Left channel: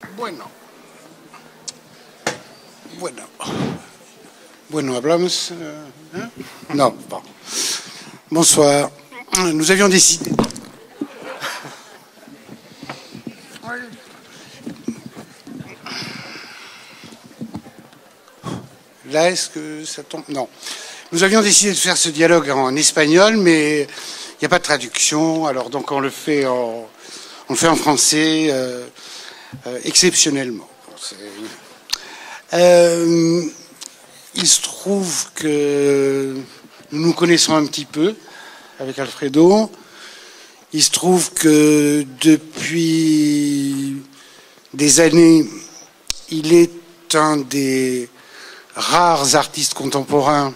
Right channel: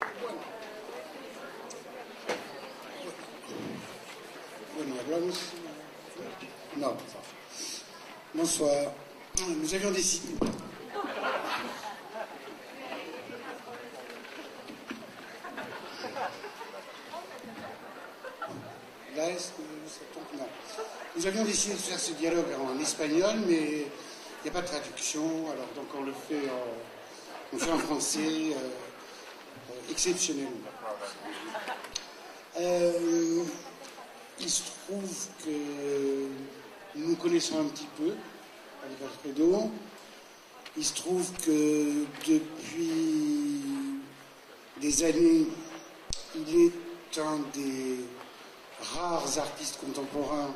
Bueno, bueno, bueno, hablamos. Hein? Non, bon. Bonsoir. Nous avions décidé. Là, est-ce que ça tombe? Non. Nous avions décidé de faire ce dialogue en espagnol, mais il n'y a pas de traduction, alors donc on le fait en français exceptionnellement. Il se trouve que nous nous connaissons un petit peu avec Alfredo. Il se trouve que depuis des années, il est un des rares artistes contemporains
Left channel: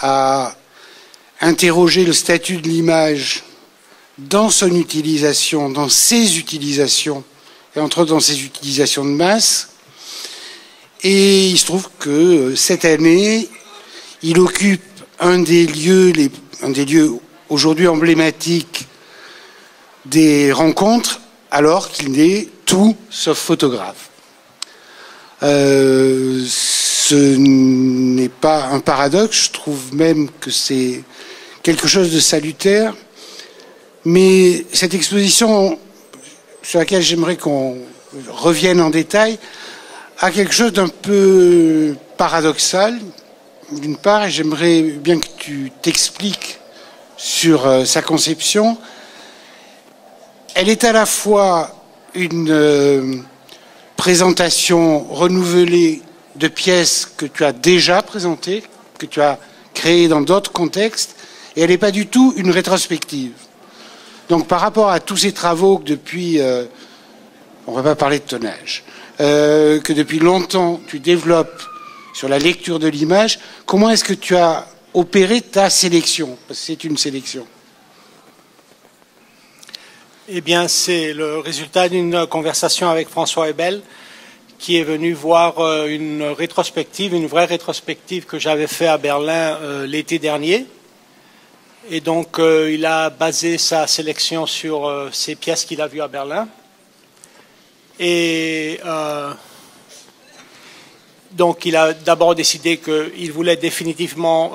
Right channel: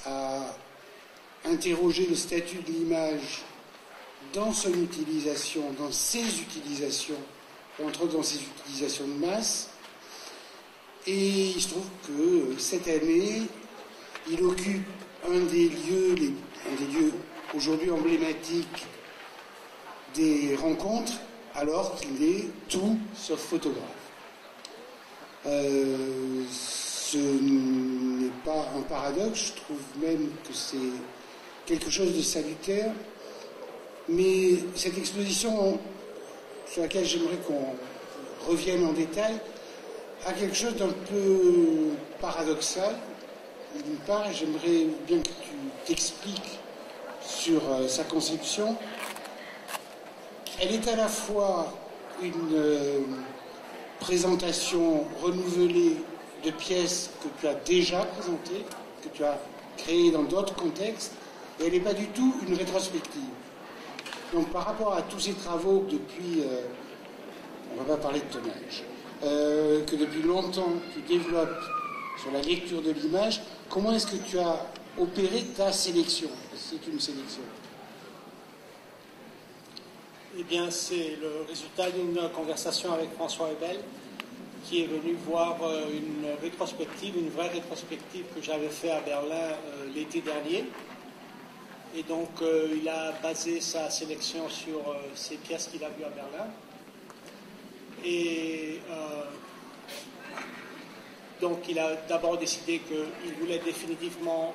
à interroger le statut de l'image dans son utilisation, dans ses utilisations, et entre autres dans ses utilisations de masse. Et il se trouve que cette année, il occupe un des lieux aujourd'hui emblématiques des rencontres, alors qu'il n'est tout sauf photographe. Ce n'est pas un paradoxe, je trouve même que c'est quelque chose de salutaire, mais cette exposition sur laquelle j'aimerais qu'on revienne en détail a quelque chose d'un peu paradoxal, d'une part, et j'aimerais bien que tu t'expliques sur sa conception. Elle est à la fois une présentation renouvelée de pièces que tu as déjà présentées, que tu as créées dans d'autres contextes, et elle n'est pas du tout une rétrospective. Donc par rapport à tous ces travaux que depuis, on ne va pas parler de ton âge, que depuis longtemps tu développes sur la lecture de l'image, comment est-ce que tu as opéré ta sélection? Parce que c'est une sélection. Eh bien, c'est le résultat d'une conversation avec François Hebel, qui est venu voir une rétrospective, une vraie rétrospective que j'avais fait à Berlin l'été dernier. Et donc, il a basé sa sélection sur ces pièces qu'il a vues à Berlin. Et donc, il a d'abord décidé qu'il voulait définitivement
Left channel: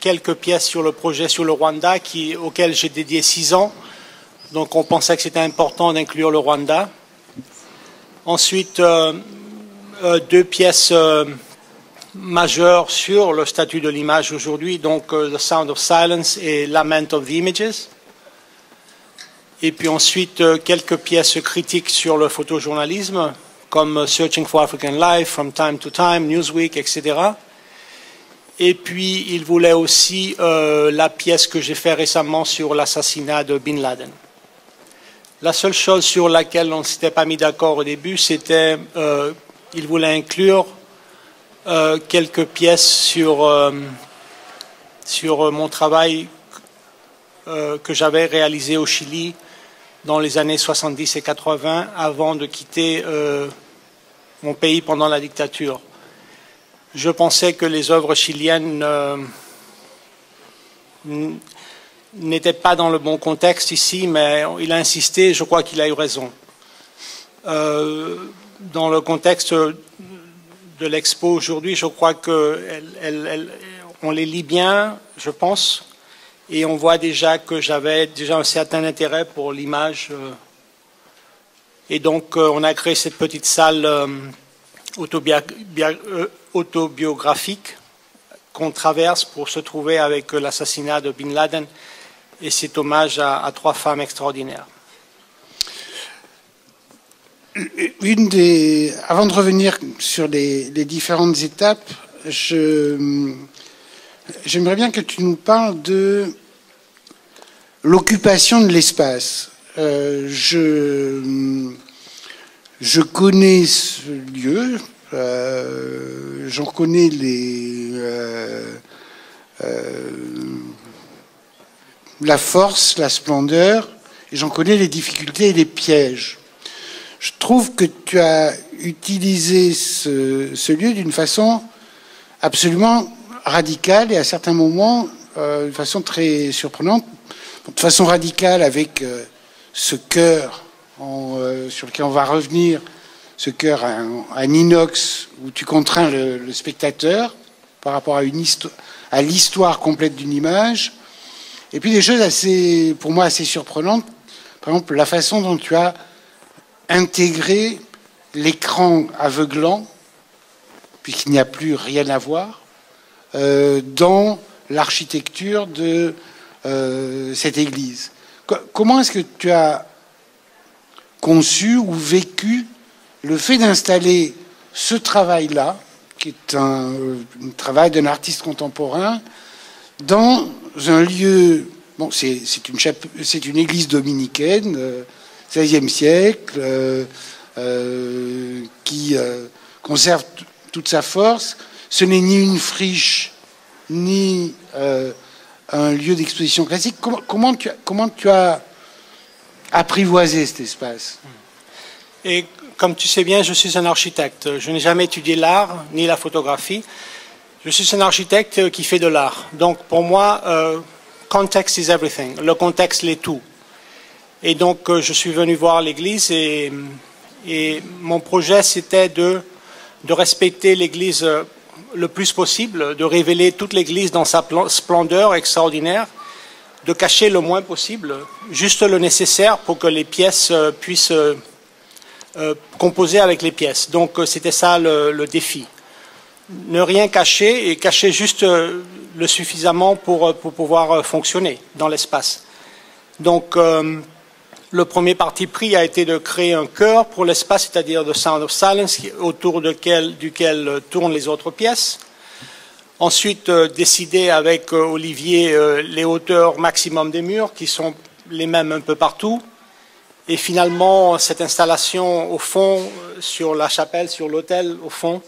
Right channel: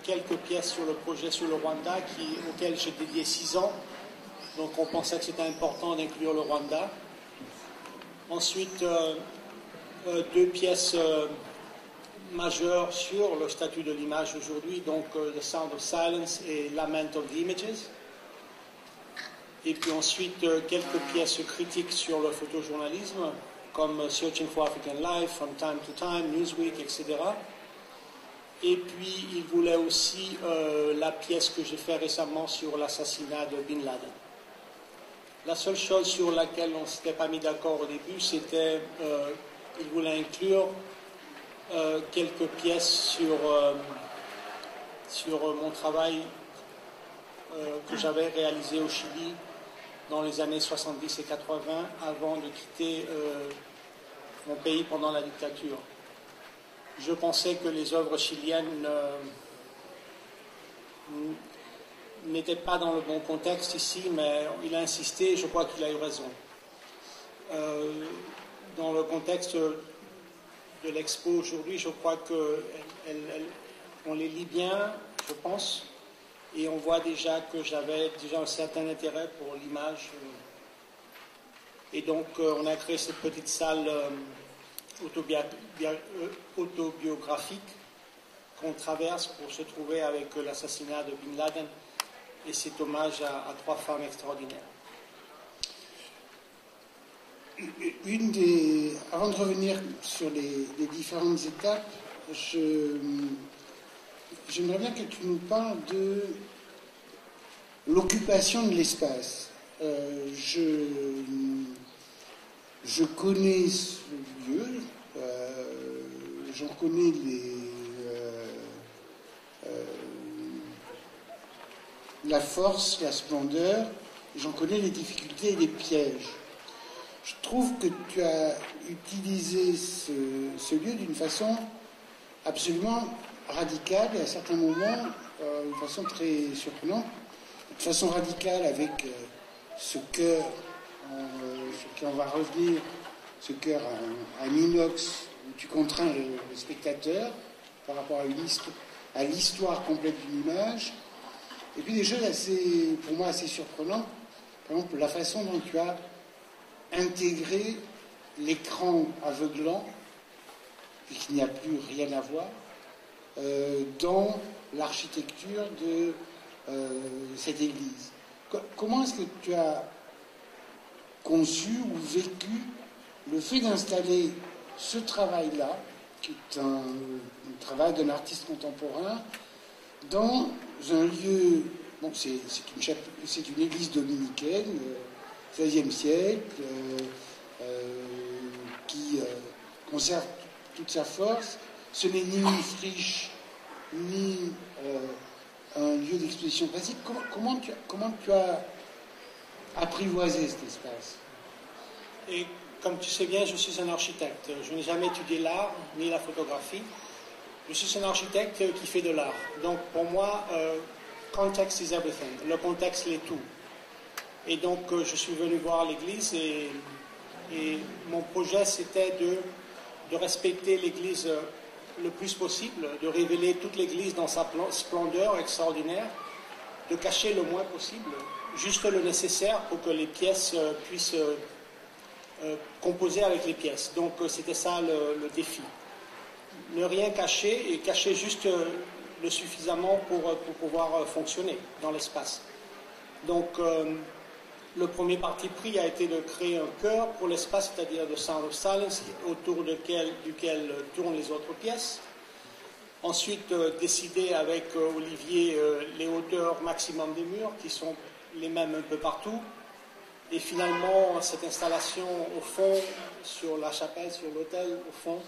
quelques pièces sur le projet sur le Rwanda, auquel j'ai dédié 6 ans. Donc, on pensait que c'était important d'inclure le Rwanda. Ensuite, 2 pièces majeures sur le statut de l'image aujourd'hui, donc The Sound of Silence et Lament of the Images. Et puis ensuite, quelques pièces critiques sur le photojournalisme, comme Searching for African Life, From Time to Time, Newsweek, etc. Et puis, il voulait aussi la pièce que j'ai fait récemment sur l'assassinat de Bin Laden. La seule chose sur laquelle on ne s'était pas mis d'accord au début, c'était qu'il voulait inclure quelques pièces sur mon travail que j'avais réalisé au Chili dans les années 70 et 80, avant de quitter mon pays pendant la dictature. Je pensais que les œuvres chiliennes n'était pas dans le bon contexte ici, mais il a insisté, je crois qu'il a eu raison. Dans le contexte de l'expo aujourd'hui, je crois qu'on les lit bien, je pense, et on voit déjà que j'avais déjà un certain intérêt pour l'image. Et donc, on a créé cette petite salle autobiographique qu'on traverse pour se trouver avec l'assassinat de Bin Laden et cet hommage à 3 femmes extraordinaires. Avant de revenir sur les différentes étapes, j'aimerais bien que tu nous parles de l'occupation de l'espace. Je connais ce lieu, j'en connais la force, la splendeur, et j'en connais les difficultés et les pièges. Je trouve que tu as utilisé ce lieu d'une façon absolument radicale et à certains moments d'une façon très surprenante. De façon radicale avec ce cœur sur lequel on va revenir ce chœur en inox où tu contrains le spectateur par rapport à l'histoire complète d'une image. Et puis des choses assez, pour moi, assez surprenantes. Par exemple, la façon dont tu as intégré l'écran aveuglant, puisqu'il n'y a plus rien à voir, dans l'architecture de cette église. Comment est-ce que tu as conçu ou vécu le fait d'installer ce travail-là, qui est un travail d'un artiste contemporain, dans un lieu... Bon, c'est une église dominicaine, 16e siècle, qui conserve toute sa force. Ce n'est ni une friche, ni un lieu d'exposition classique. Comment tu as apprivoisé cet espace? Et comme tu sais bien, je suis un architecte. Je n'ai jamais étudié l'art ni la photographie. Je suis un architecte qui fait de l'art. Donc pour moi, context is everything. Le contexte l'est tout. Et donc je suis venu voir l'église et mon projet c'était de respecter l'église le plus possible, de révéler toute l'église dans sa splendeur extraordinaire, de cacher le moins possible, juste le nécessaire pour que les pièces puissent composer avec les pièces. Donc c'était ça le défi. Ne rien cacher et cacher juste le suffisamment pour pouvoir fonctionner dans l'espace. Donc le premier parti pris a été de créer un chœur pour l'espace, c'est-à-dire The Sound of Silence, autour duquel tournent les autres pièces. Ensuite, décider avec Olivier les hauteurs maximum des murs, qui sont les mêmes un peu partout. Et finalement, cette installation au fond, sur la chapelle, sur l'autel, au fond,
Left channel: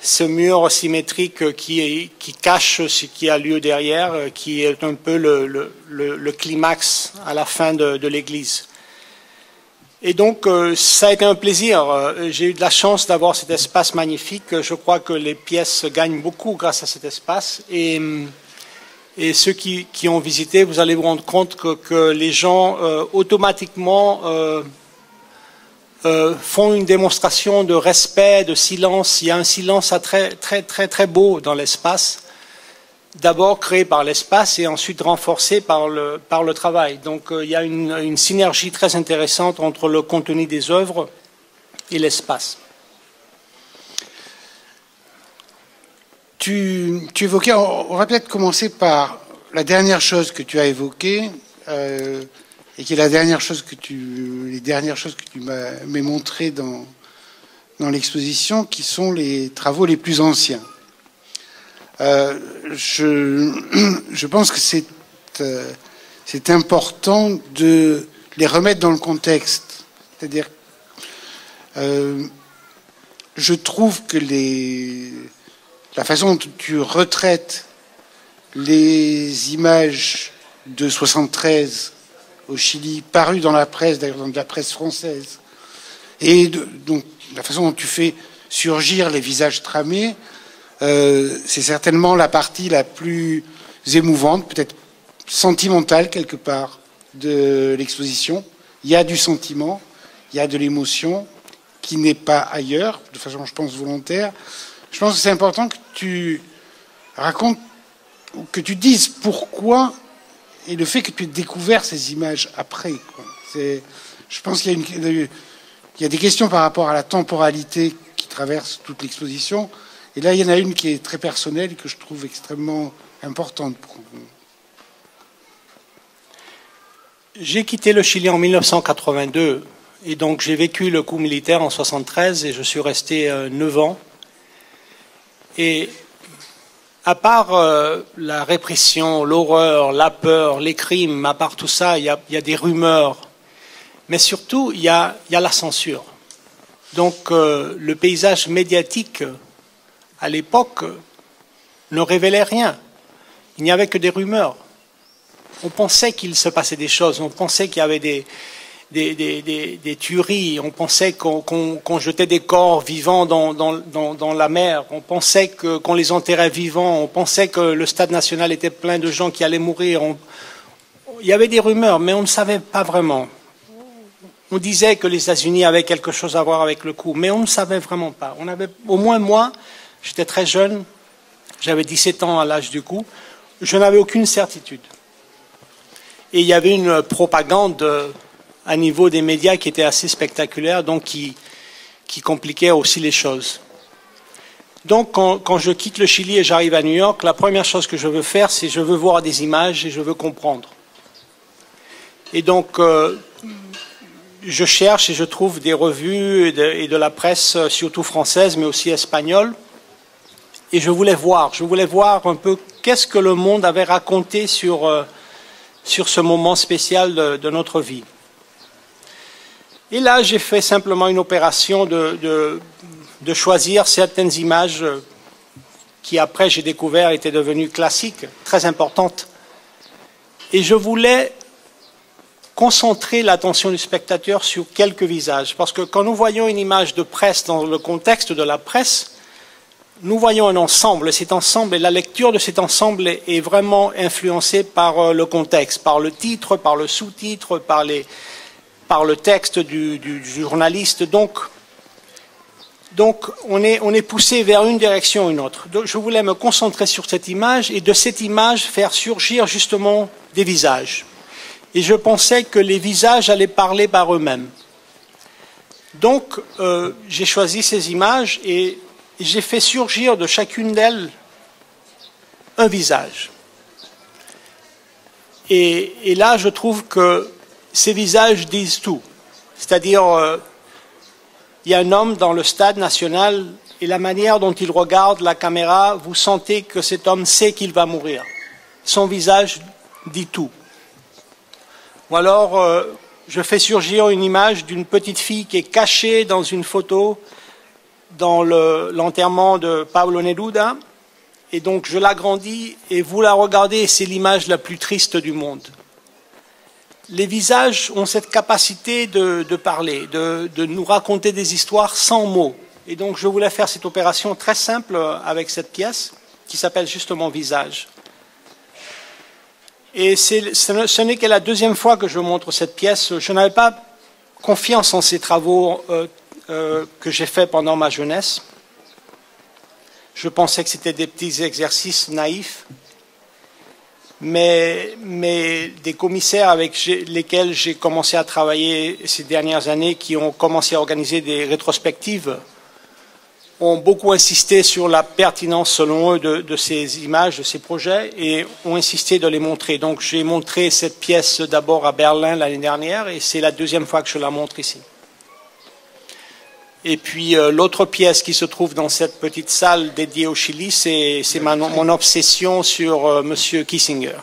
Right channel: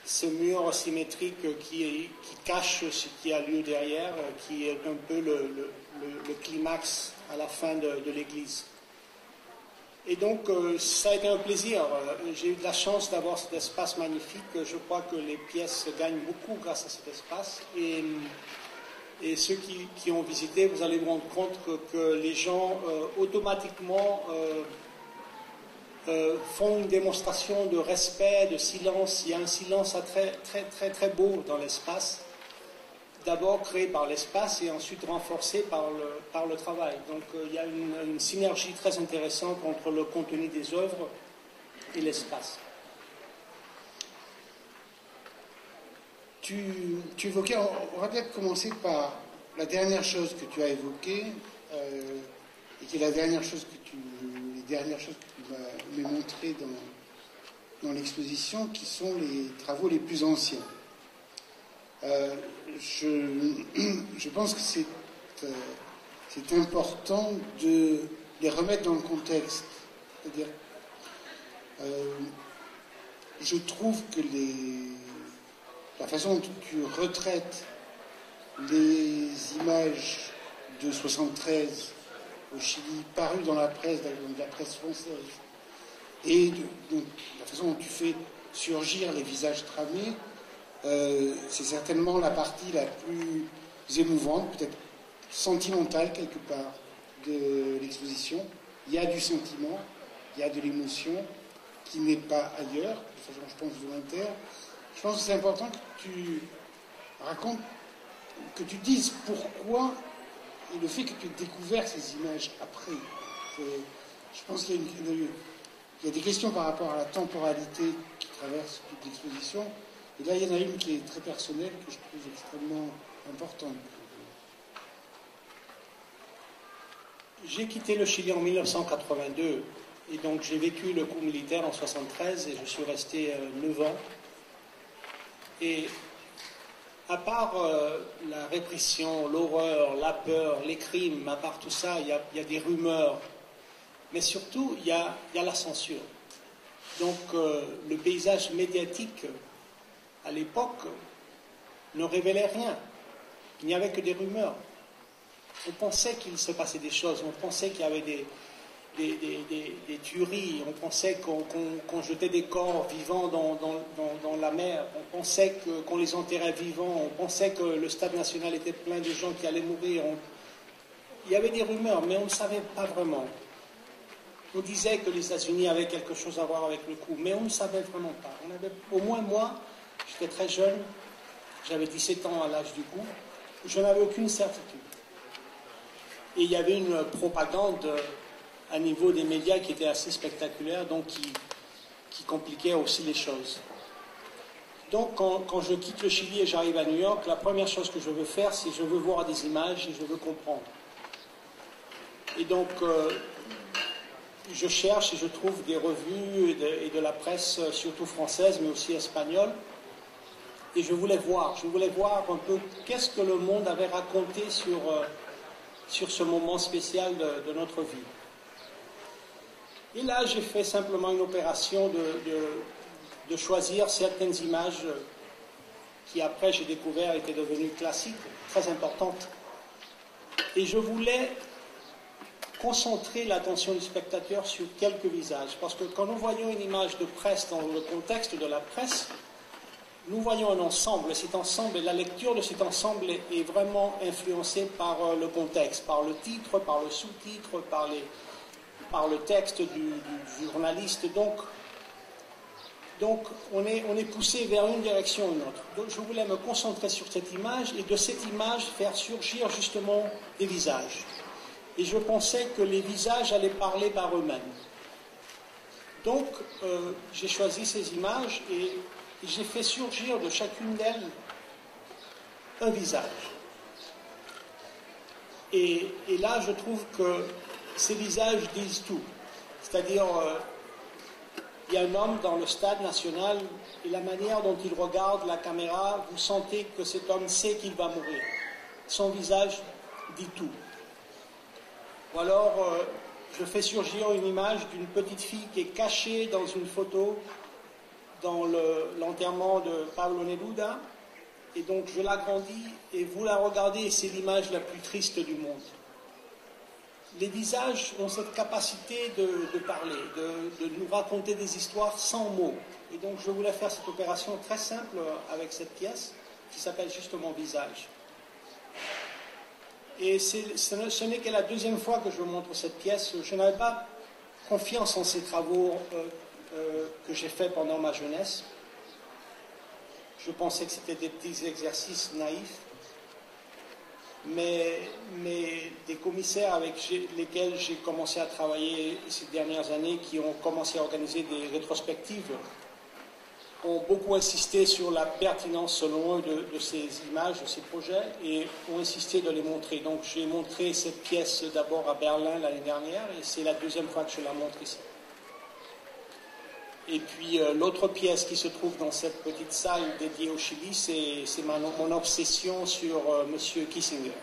ce mur symétrique qui cache ce qui a lieu derrière, qui est un peu le climax à la fin de l'église. Et donc, ça a été un plaisir. J'ai eu de la chance d'avoir cet espace magnifique. Je crois que les pièces gagnent beaucoup grâce à cet espace. Et ceux qui ont visité, vous allez vous rendre compte que les gens automatiquement font une démonstration de respect, de silence. Il y a un silence très, très, très, très beau dans l'espace. D'abord créé par l'espace et ensuite renforcé par le travail. Donc il y a une synergie très intéressante entre le contenu des œuvres et l'espace. Tu évoquais, on va peut-être commencer par la dernière chose que tu as évoquée, et qui est les dernières choses que tu m'as montrées dans l'exposition, qui sont les travaux les plus anciens. Je pense que c'est important de les remettre dans le contexte. C'est-à-dire, je trouve que la façon dont tu retraites les images de 73 au Chili, parues dans la presse, d'ailleurs dans la presse française, et donc la façon dont tu fais surgir les visages tramés, c'est certainement la partie la plus émouvante, peut-être sentimentale quelque part, de l'exposition. Il y a du sentiment, il y a de l'émotion qui n'est pas ailleurs, de façon, je pense, volontaire. Je pense que c'est important que tu racontes, que tu dises pourquoi et le fait que tu aies découvert ces images après. Je pense qu'il y a des questions par rapport à la temporalité qui traverse toute l'exposition. Et là, il y en a une qui est très personnelle et que je trouve extrêmement importante pour vous. J'ai quitté le Chili en 1982 et donc j'ai vécu le coup militaire en 1973 et je suis resté 9 ans. Et à part la répression, l'horreur, la peur, les crimes, à part tout ça, il y a des rumeurs. Mais surtout, il y a la censure. Donc le paysage médiatique à l'époque ne révélait rien. Il n'y avait que des rumeurs. On pensait qu'il se passait des choses, on pensait qu'il y avait des tueries, on pensait qu'on jetait des corps vivants dans la mer, on pensait qu'on les enterrait vivants, on pensait que le stade national était plein de gens qui allaient mourir. Il y avait des rumeurs, mais on ne savait pas vraiment. on disait que les États-Unis avaient quelque chose à voir avec le coup, mais on ne savait vraiment pas. On avait, au moins moi, j'étais très jeune, j'avais 17 ans à l'âge du coup, je n'avais aucune certitude. Et il y avait une propagande à niveau des médias qui était assez spectaculaire, donc qui compliquait aussi les choses. Donc quand je quitte le Chili et j'arrive à New York, la première chose que je veux faire, c'est je veux voir des images et je veux comprendre. Et donc je cherche et je trouve des revues et de la presse, surtout française, mais aussi espagnole. Et je voulais voir un peu qu'est-ce que le monde avait raconté sur ce moment spécial de notre vie. Et là, j'ai fait simplement une opération de choisir certaines images qui, après, j'ai découvert étaient devenues classiques, très importantes. Et je voulais concentrer l'attention du spectateur sur quelques visages. Parce que quand nous voyons une image de presse dans le contexte de la presse, nous voyons un ensemble. Cet ensemble, et la lecture de cet ensemble est vraiment influencée par le contexte, par le titre, par le sous-titre, par le texte du journaliste. Donc on est poussé vers une direction ou une autre. Donc, je voulais me concentrer sur cette image et de cette image faire surgir justement des visages. Et je pensais que les visages allaient parler par eux-mêmes. Donc j'ai choisi ces images et j'ai fait surgir de chacune d'elles un visage. Et là, je trouve que ces visages disent tout. C'est-à-dire, il y a un homme dans le stade national et la manière dont il regarde la caméra, vous sentez que cet homme sait qu'il va mourir. Son visage dit tout. Ou alors, je fais surgir une image d'une petite fille qui est cachée dans une photo dans l'enterrement de Pablo Neruda. Et donc, je l'agrandis et vous la regardez, c'est l'image la plus triste du monde. Les visages ont cette capacité de parler, de nous raconter des histoires sans mots. Et donc, je voulais faire cette opération très simple avec cette pièce qui s'appelle justement Visage. Et ce n'est que la deuxième fois que je montre cette pièce. Je n'avais pas confiance en ces travaux que j'ai faits pendant ma jeunesse. Je pensais que c'était des petits exercices naïfs. Mais des commissaires avec lesquels j'ai commencé à travailler ces dernières années, qui ont commencé à organiser des rétrospectives, ont beaucoup insisté sur la pertinence, selon eux, de ces images, de ces projets, et ont insisté de les montrer. Donc j'ai montré cette pièce d'abord à Berlin l'année dernière, et c'est la deuxième fois que je la montre ici. Et puis l'autre pièce qui se trouve dans cette petite salle dédiée au Chili, c'est mon obsession sur Monsieur Kissinger.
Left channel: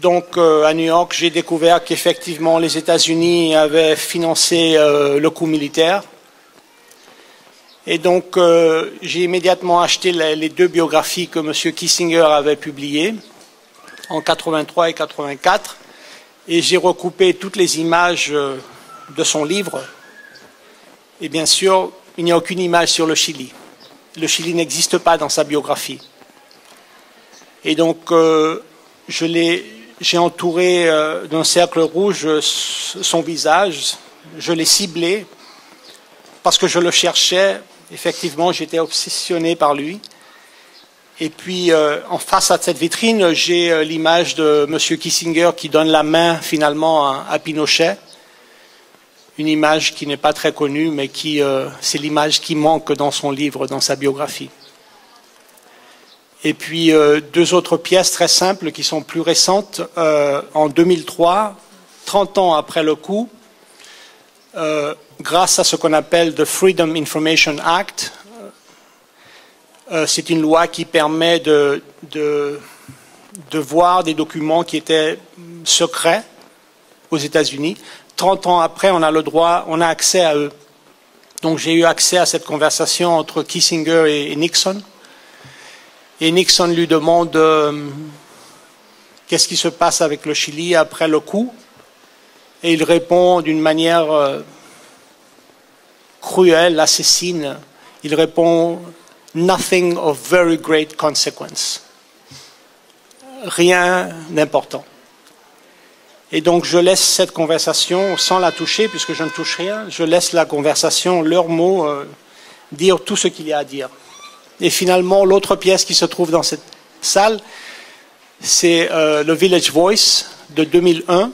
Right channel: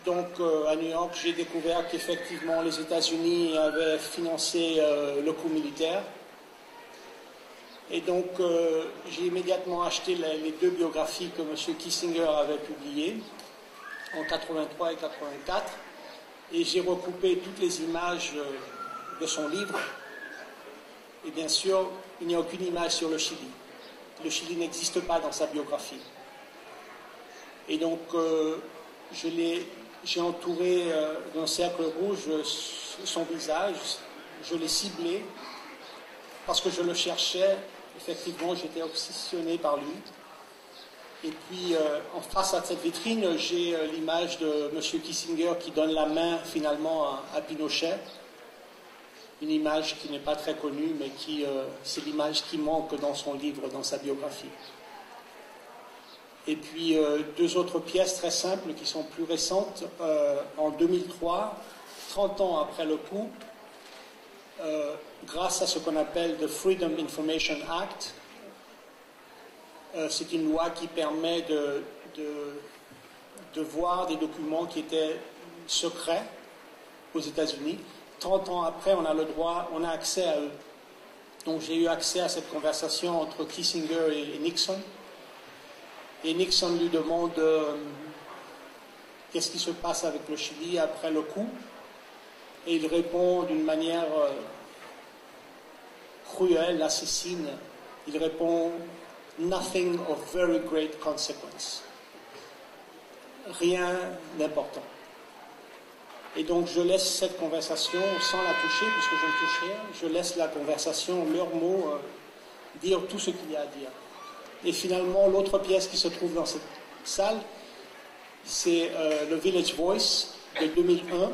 Donc à New York, j'ai découvert qu'effectivement les États-Unis avaient financé le coup militaire. Et donc j'ai immédiatement acheté les deux biographies que Monsieur Kissinger avait publiées en 83 et 84. Et j'ai recoupé toutes les images de son livre. Et bien sûr, il n'y a aucune image sur le Chili. Le Chili n'existe pas dans sa biographie. Et donc, j'ai entouré d'un cercle rouge son visage. Je l'ai ciblé parce que je le cherchais. Effectivement, j'étais obsessionné par lui. Et puis, en face à cette vitrine, j'ai l'image de M. Kissinger qui donne la main finalement à Pinochet. Une image qui n'est pas très connue, mais c'est l'image qui manque dans son livre, dans sa biographie. Et puis, deux autres pièces très simples qui sont plus récentes. En 2003, 30 ans après le coup, grâce à ce qu'on appelle the Freedom Information Act, c'est une loi qui permet de voir des documents qui étaient secrets aux États-Unis. 30 ans après, on a le droit, on a accès à eux. Donc j'ai eu accès à cette conversation entre Kissinger et Nixon. Et Nixon lui demande qu'est-ce qui se passe avec le Chili après le coup. Et il répond d'une manière cruelle, assassine. Il répond « Nothing of very great consequence ». Rien d'important. Et donc je laisse cette conversation sans la toucher, puisque je ne touche rien, je laisse la conversation, leurs mots, dire tout ce qu'il y a à dire. Et finalement, l'autre pièce qui se trouve dans cette salle, c'est le Village Voice de 2001.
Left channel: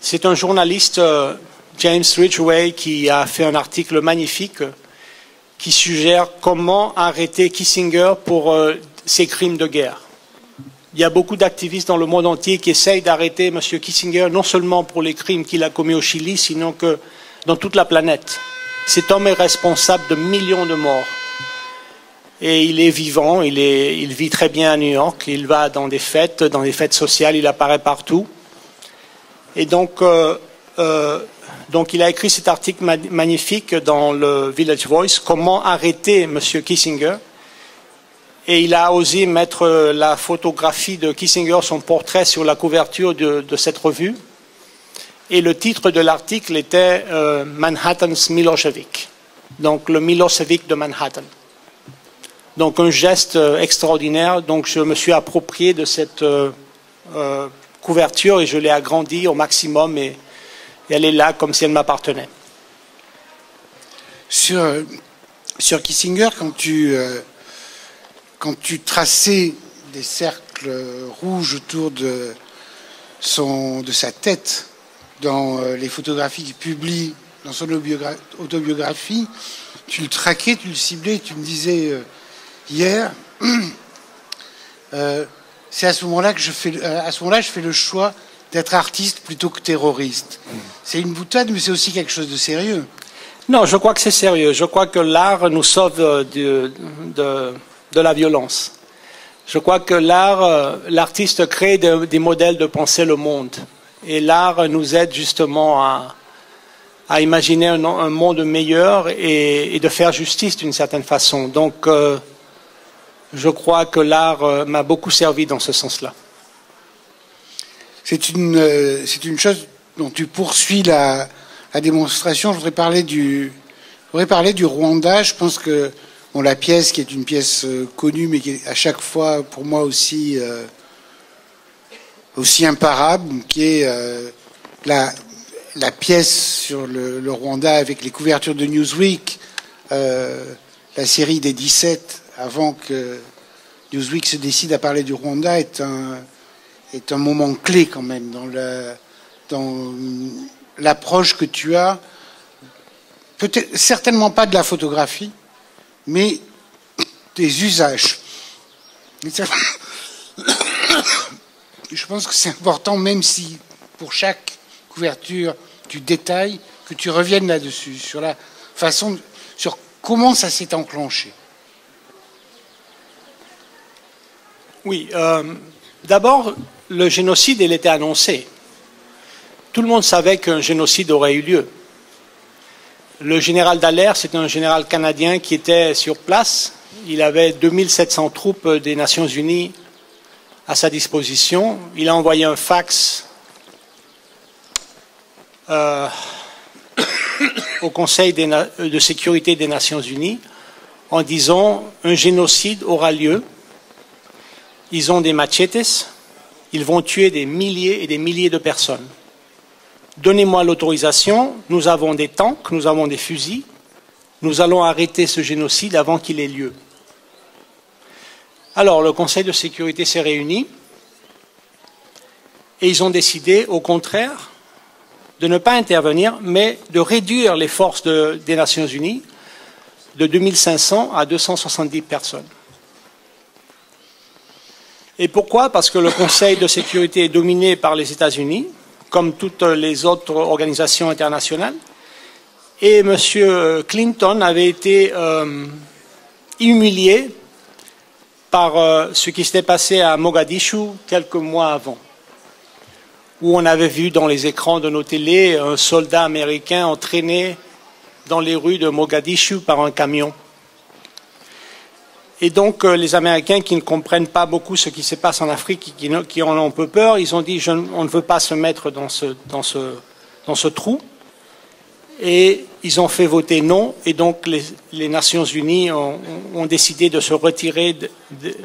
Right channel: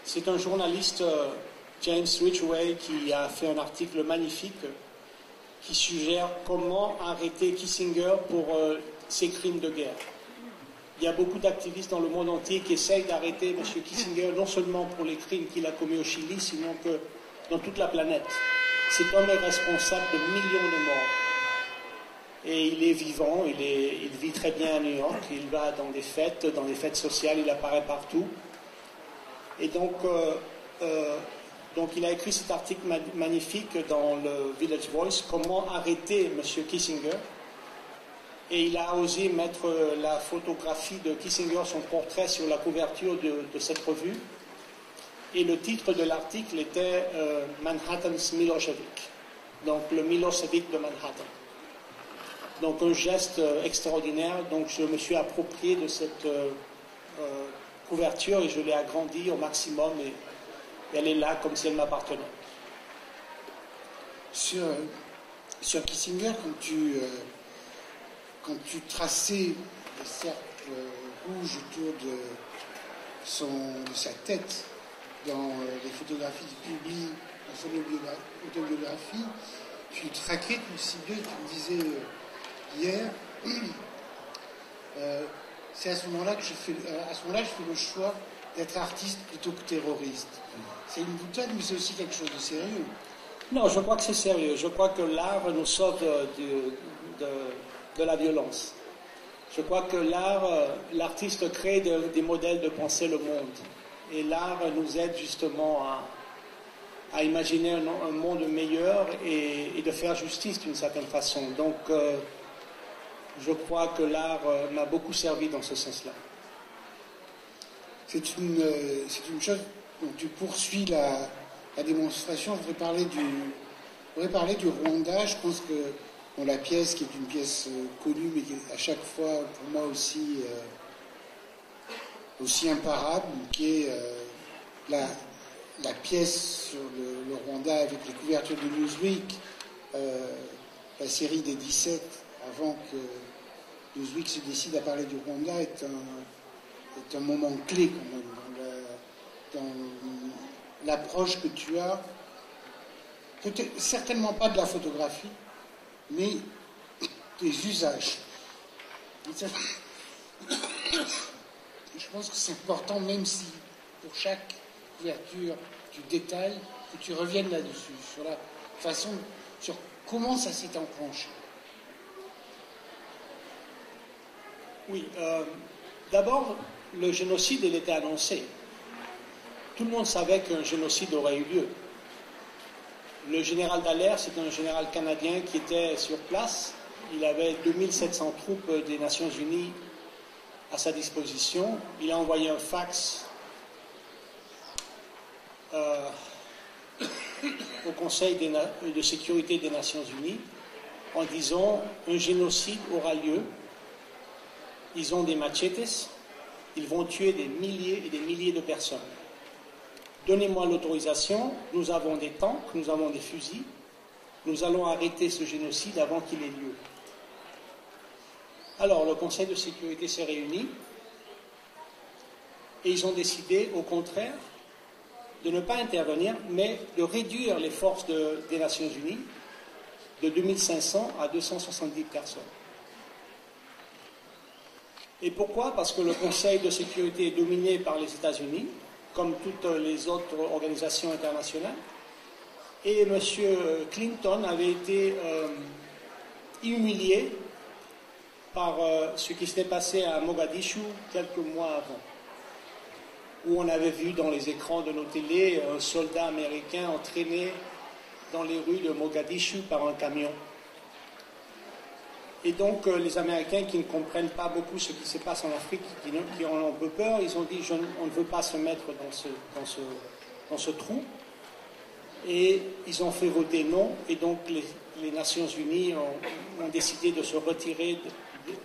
C'est un journaliste, James Ridgway, qui a fait un article magnifique qui suggère comment arrêter Kissinger pour ses crimes de guerre. Il y a beaucoup d'activistes dans le monde entier qui essayent d'arrêter M. Kissinger, non seulement pour les crimes qu'il a commis au Chili, sinon que dans toute la planète. Cet homme est responsable de millions de morts. Et il est vivant, il vit très bien à New York, il va dans des fêtes sociales, il apparaît partout. Et donc il a écrit cet article magnifique dans le Village Voice, comment arrêter M. Kissinger. Et il a osé mettre la photographie de Kissinger, son portrait, sur la couverture de cette revue. Et le titre de l'article était Manhattan's Milosevic, donc le Milosevic de Manhattan. Donc un geste extraordinaire. Donc je me suis approprié de cette couverture et je l'ai agrandie au maximum et elle est là comme si elle m'appartenait. Sur Kissinger, quand tu traçais des cercles rouges autour de sa tête dans les photographies qu'il publie dans son autobiographie, tu le traquais, tu le ciblais, tu me disais hier, c'est à ce moment-là que je fais le choix d'être artiste plutôt que terroriste. C'est une boutade, mais c'est aussi quelque chose de sérieux. Non, je crois que c'est sérieux. Je crois que l'art nous sauve de la violence. Je crois que l'artiste crée des modèles de penser le monde. Et l'art nous aide justement à imaginer un monde meilleur et de faire justice d'une certaine façon. Donc, je crois que l'art m'a beaucoup servi dans ce sens-là. C'est une chose dont tu poursuis la démonstration. Je voudrais parler du Rwanda. Je pense que la pièce, qui est une pièce connue, mais qui est à chaque fois, pour moi, aussi imparable, qui est la pièce sur le Rwanda avec les couvertures de Newsweek, la série des 17, avant que Newsweek se décide à parler du Rwanda, est un moment clé quand même dans l'approche que tu as, peut-être certainement pas de la photographie, mais des usages. Je pense que c'est important, même si pour chaque couverture tu détailles, que tu reviennes là-dessus, sur la façon, sur comment ça s'est enclenché. Oui, d'abord, le génocide, il était annoncé. Tout le monde savait qu'un génocide aurait eu lieu. Le général Dallaire, c'est un général canadien qui était sur place. Il avait 2700 troupes des Nations Unies à sa disposition. Il a envoyé un fax au Conseil de sécurité des Nations Unies en disant un génocide aura lieu. Ils ont des machetes, ils vont tuer des milliers et des milliers de personnes. Donnez-moi l'autorisation, nous avons des tanks, nous avons des fusils, nous allons arrêter ce génocide avant qu'il ait lieu. Alors, le Conseil de sécurité s'est réuni et ils ont décidé, au contraire, de ne pas intervenir, mais de réduire les forces des Nations Unies de 2500 à 270 personnes. Et pourquoi? Parce que le Conseil de sécurité est dominé par les États-Unis, comme toutes les autres organisations internationales. Et M. Clinton avait été humilié par ce qui s'était passé à Mogadiscio quelques mois avant, où on avait vu dans les écrans de nos télés un soldat américain entraîné dans les rues de Mogadiscio par un camion. Et donc, les Américains qui ne comprennent pas beaucoup ce qui se passe en Afrique, qui en ont un peu peur, ils ont dit on ne veut pas se mettre dans ce trou. Et ils ont fait voter non. Et donc, les Nations Unies ont décidé de se retirer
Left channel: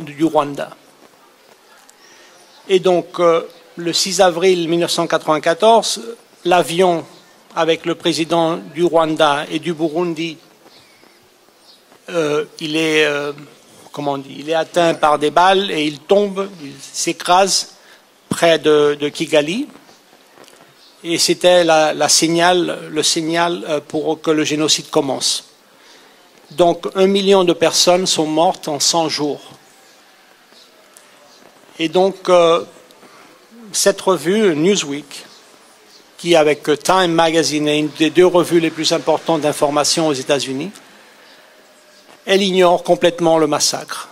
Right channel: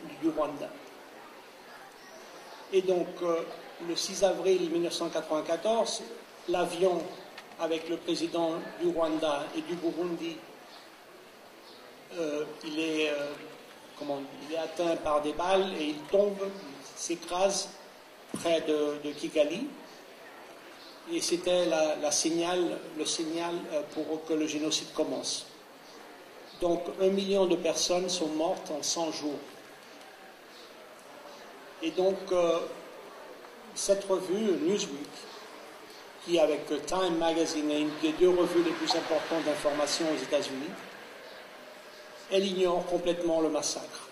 du Rwanda. Et donc, le 6 avril 1994, l'avion avec le président du Rwanda et du Burundi, il est atteint par des balles et il tombe, il s'écrase près de Kigali. Et c'était le signal pour que le génocide commence. Donc 1 million de personnes sont mortes en 100 jours. Et donc cette revue, Newsweek, qui avec Time Magazine est une des 2 revues les plus importantes d'information aux États-Unis, elle ignore complètement le massacre.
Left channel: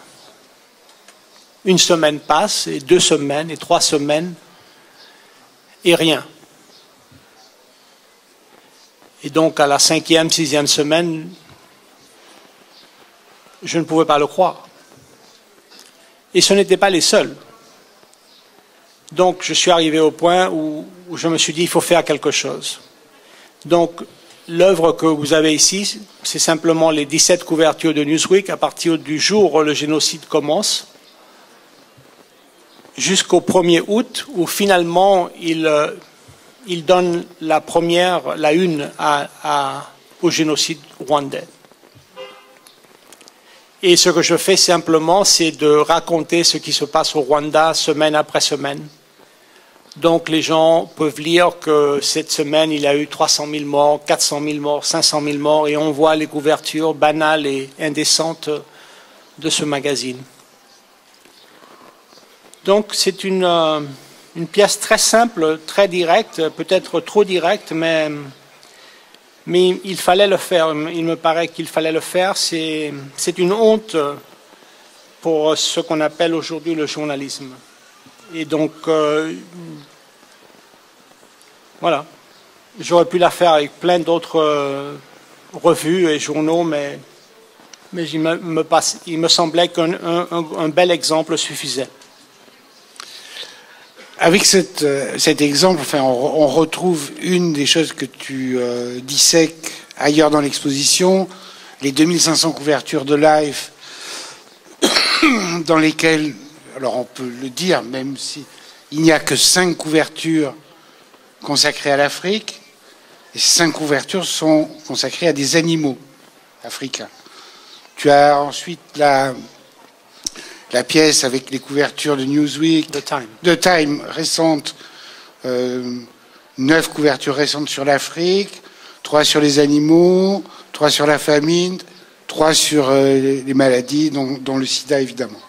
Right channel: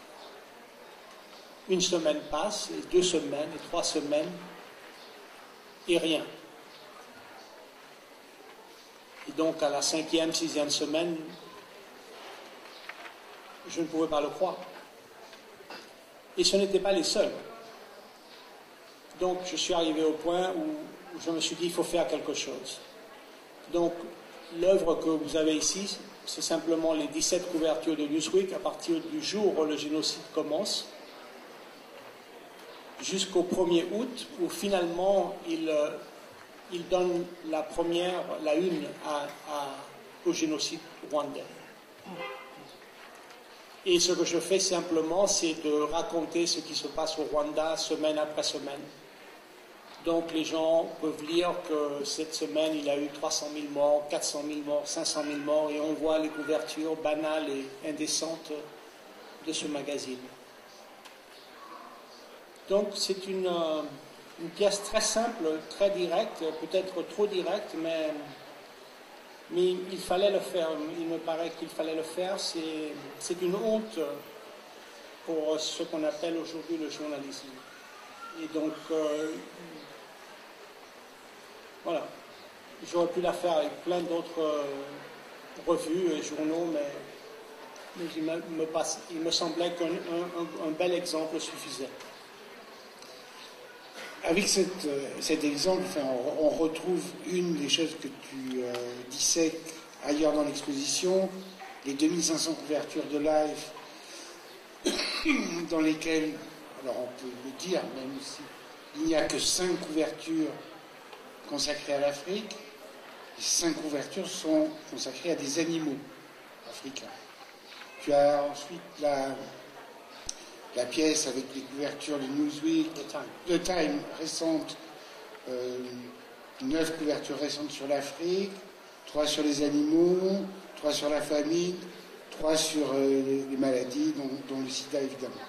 1 semaine passe, et 2 semaines, et 3 semaines, et rien. Et donc, à la 5e, 6e semaine, je ne pouvais pas le croire. Et ce n'étaient pas les seuls. Donc, je suis arrivé au point où je me suis dit, il faut faire quelque chose. Donc, l'œuvre que vous avez ici, c'est simplement les 17 couvertures de Newsweek à partir du jour où le génocide commence, jusqu'au 1er août, où finalement, il donne la une au génocide rwandais. Et ce que je fais simplement, c'est de raconter ce qui se passe au Rwanda semaine après semaine. Donc les gens peuvent lire que cette semaine, il y a eu 300 000 morts, 400 000 morts, 500 000 morts, et on voit les couvertures banales et indécentes de ce magazine. Donc c'est une pièce très simple, très directe, peut-être trop directe, mais il fallait le faire. Il me paraît qu'il fallait le faire. C'est une honte pour ce qu'on appelle aujourd'hui le journalisme. Et donc, voilà. J'aurais pu la faire avec plein d'autres revues et journaux, mais il me semblait qu'un bel exemple suffisait. Avec cet exemple, enfin, on retrouve une des choses que tu dissèques ailleurs dans l'exposition, les 2500 couvertures de Life, dans lesquelles, alors on peut le dire, même s'il n'y a que 5 couvertures consacrées à l'Afrique, et 5 couvertures sont consacrées à des animaux africains. Tu as ensuite la pièce avec les couvertures de Newsweek, de Time récentes, 9 couvertures récentes sur l'Afrique, 3 sur les animaux, 3 sur la famine, 3 sur les maladies, dont le sida évidemment.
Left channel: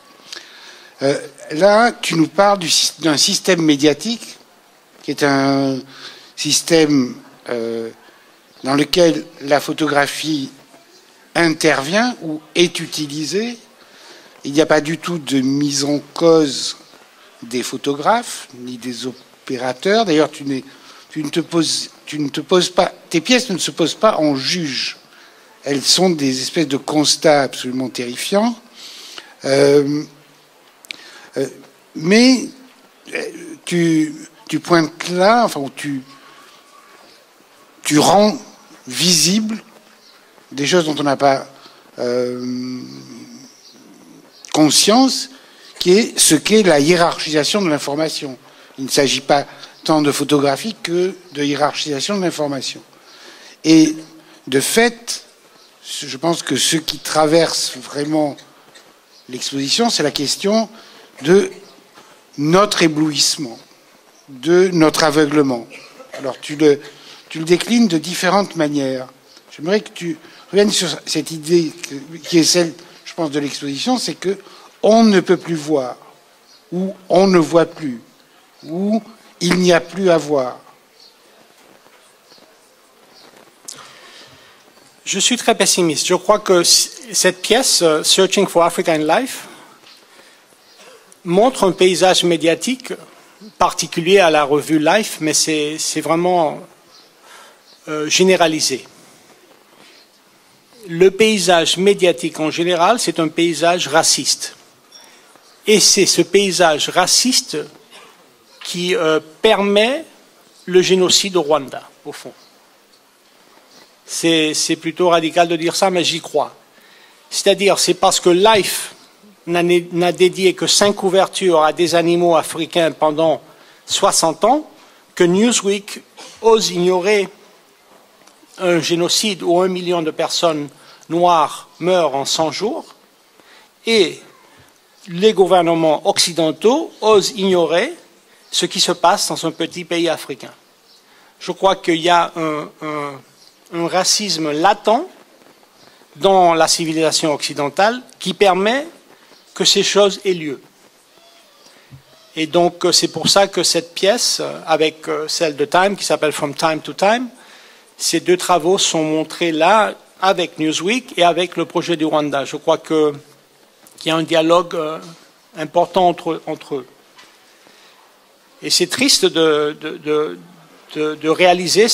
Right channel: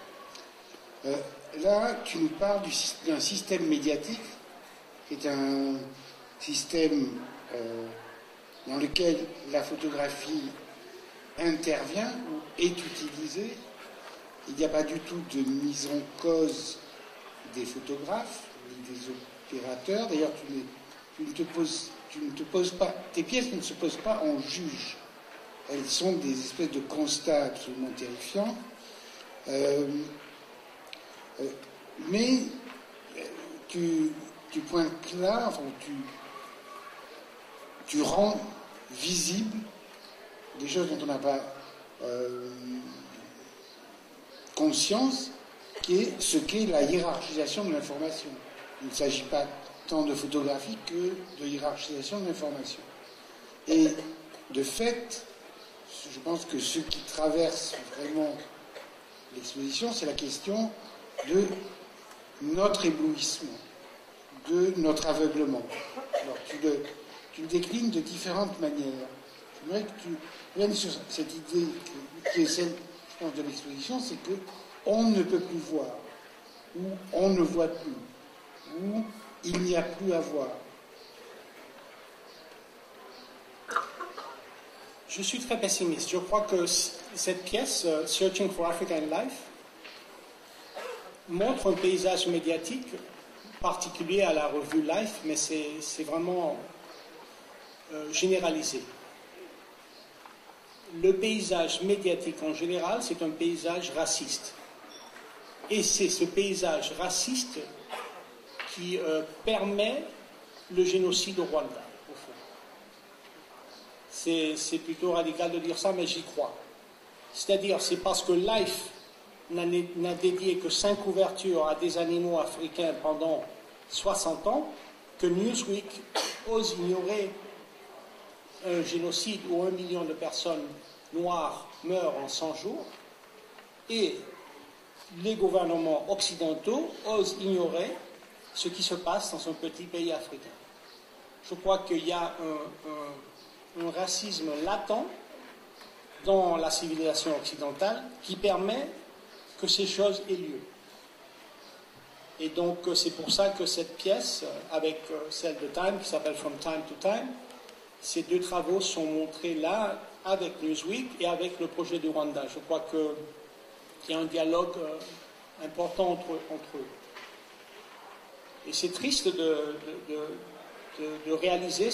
Là, tu nous parles d'un système médiatique qui est un système dans lequel la photographie intervient ou est utilisée. Il n'y a pas du tout de mise en cause des photographes ni des opérateurs. D'ailleurs, tes pièces ne se posent pas en juge. Elles sont des espèces de constats absolument terrifiants. Mais tu pointes là, enfin, tu rends visible des choses dont on n'a pas conscience, qui est ce qu'est la hiérarchisation de l'information. Il ne s'agit pas tant de photographie que de hiérarchisation de l'information. Et de fait, je pense que ce qui traverse vraiment l'exposition, c'est la question de notre éblouissement, de notre aveuglement. Alors tu le déclines de différentes manières. J'aimerais que tu reviennes sur cette idée qui est celle, je pense, de l'exposition, c'est que on ne peut plus voir, ou on ne voit plus, ou il n'y a plus à voir. Je suis très pessimiste. Je crois que cette pièce, Searching for Africa in Life, montre un paysage médiatique particulier à la revue Life, mais c'est vraiment généralisé. Le paysage médiatique en général, c'est un paysage raciste. Et c'est ce paysage raciste qui permet le génocide au Rwanda, au fond. C'est plutôt radical de dire ça, mais j'y crois. C'est-à-dire, c'est parce que Life n'a dédié que 5 couvertures à des animaux africains pendant 60 ans que Newsweek ose ignorer un génocide où 1 million de personnes noires meurent en 100 jours, et les gouvernements occidentaux osent ignorer ce qui se passe dans un petit pays africain. Je crois qu'il y a un racisme latent dans la civilisation occidentale qui permet que ces choses aient lieu. Et donc c'est pour ça que cette pièce, avec celle de Time, qui s'appelle From Time to Time, ces deux travaux sont montrés là avec Newsweek et avec le projet du Rwanda. Je crois qu'il y a un dialogue important entre eux. Et c'est triste de réaliser